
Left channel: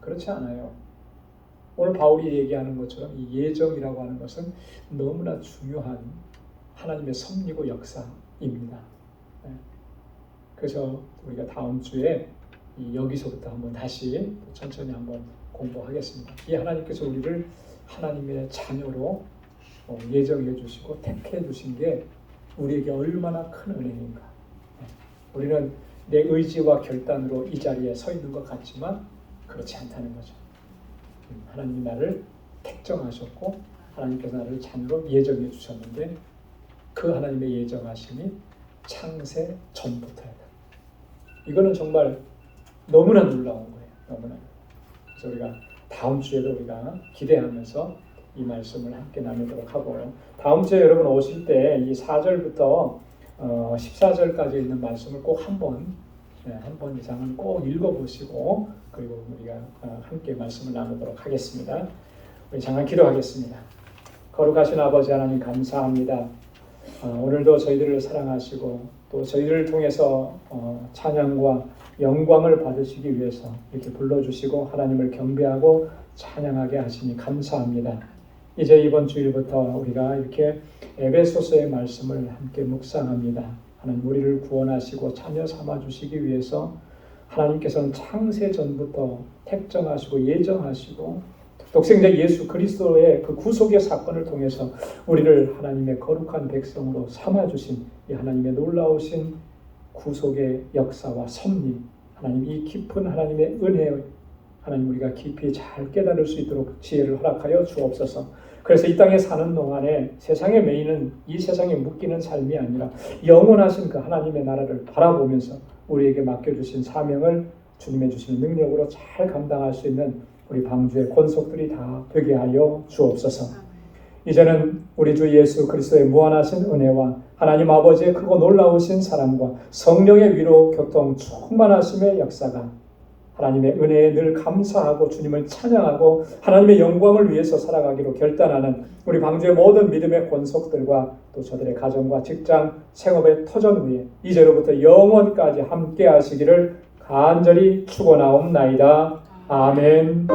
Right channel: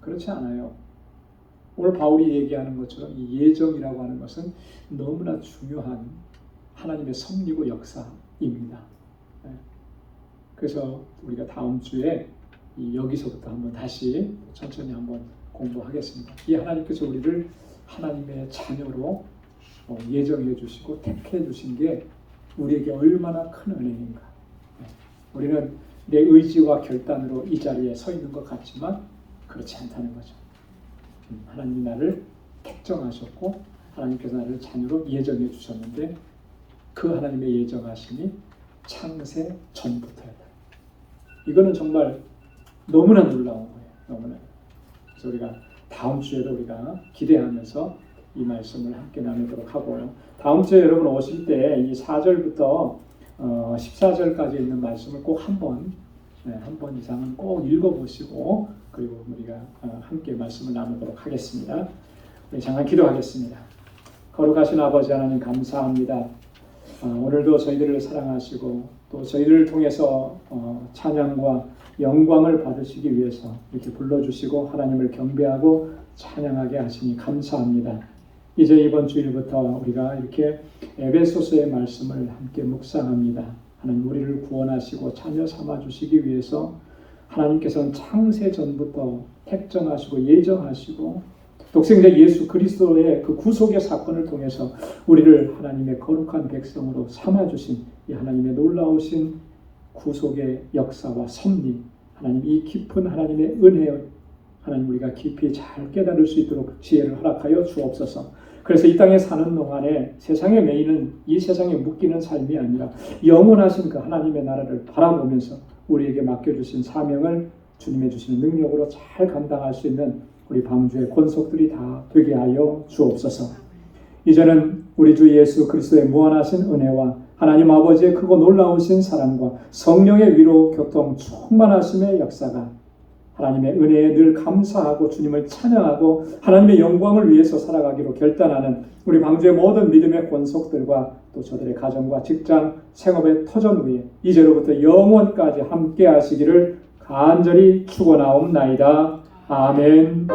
그렇지 않아요. 오늘 바울이 얘기하는 것처럼 이 예정이라고 하는 것은 너무나 중요한 하나님의 섭리고 역사입니다. 그래서 우리가 다음 주에 여기서부터 한번 다시 천천히 한번 공부하겠습니다. 이 하나님께서 우리를 하나님의 자녀로 예정해 주시고 택해 주신 게 우리에게 얼마나 큰 은혜인가. 우리는 내 의지와 결단으로 이 자리에 서 있는 것 같지만 그렇지 않다는 거죠. 하나님이 나를 택정하셨고 하나님께서 나를 자녀로 예정해 주셨는데 그 하나님의 예정하심이 창세 전부터예요. 이거는 정말 너무나 놀라운 거예요. 너무나. 그래서 우리가 다음 주에도 우리가 기대하면서 이 말씀을 함께 나누도록 하고요. 다음 주에 여러분 오실 때 이 4절부터 14절까지 있는 말씀을 꼭 한 번 이상은 꼭 읽어보시고 그리고 우리가 함께 말씀을 나누도록 하겠습니다. 우리 잠깐 기도하겠습니다. 거룩하신 아버지 하나님 감사합니다. 오늘도 저희들을 사랑하시고 또 저희들을 통해서 찬양과 영광을 받으시기 위해서 이렇게 불러주시고 하나님을 경배하고 찬양하게 하시니 감사합니다. 이제 이번 주일부터 우리가 이렇게 에베소서의 말씀을 함께 묵상합니다. 하나님 우리를 구원하시고 자녀 삼아주시기 위해서 하나님께서는 창세 전부터 택정하시고 예정하시고 독생자 예수 그리스도의 그 구속의 사건을 통해서 우리를 하나님의 거룩한 백성으로 삼아주신 이 하나님의 놀라우신 구속의 역사와 섭리, 하나님 이 깊은 하나님의 은혜, 하나님 우리가 깊이 잘 깨달을 수 있도록 지혜를 허락하여 주옵소서. 그래서 이 땅에 사는 동안에 세상에 매이는 이 세상에 묶이는 삶이 아니라 영원하신 그 하나님의 나라를 바라보면서 우리에게 맡겨주신 사명을 주님의 주시는 능력으로 잘 감당할 수 있는 우리 방주의 권속들이 다 되게 하여 주옵소서. 이제는 우리 주 예수 그리스도의 무한하신 은혜와 하나님 아버지의 크고 놀라우신 사랑과 성령의 위로 교통 충만하심의 역사가 하나님의 은혜에 늘 감사하고 주님을 찬양하고 하나님의 영광을 위해서 살아가기로 결단하는 우리 방주의 모든 믿음의 권속들과 또 저들의 가정과 직장, 생업의 터전 위에 이제로부터 영원까지 함께 하시기를 간절히 축원하옵나이다. 아멘.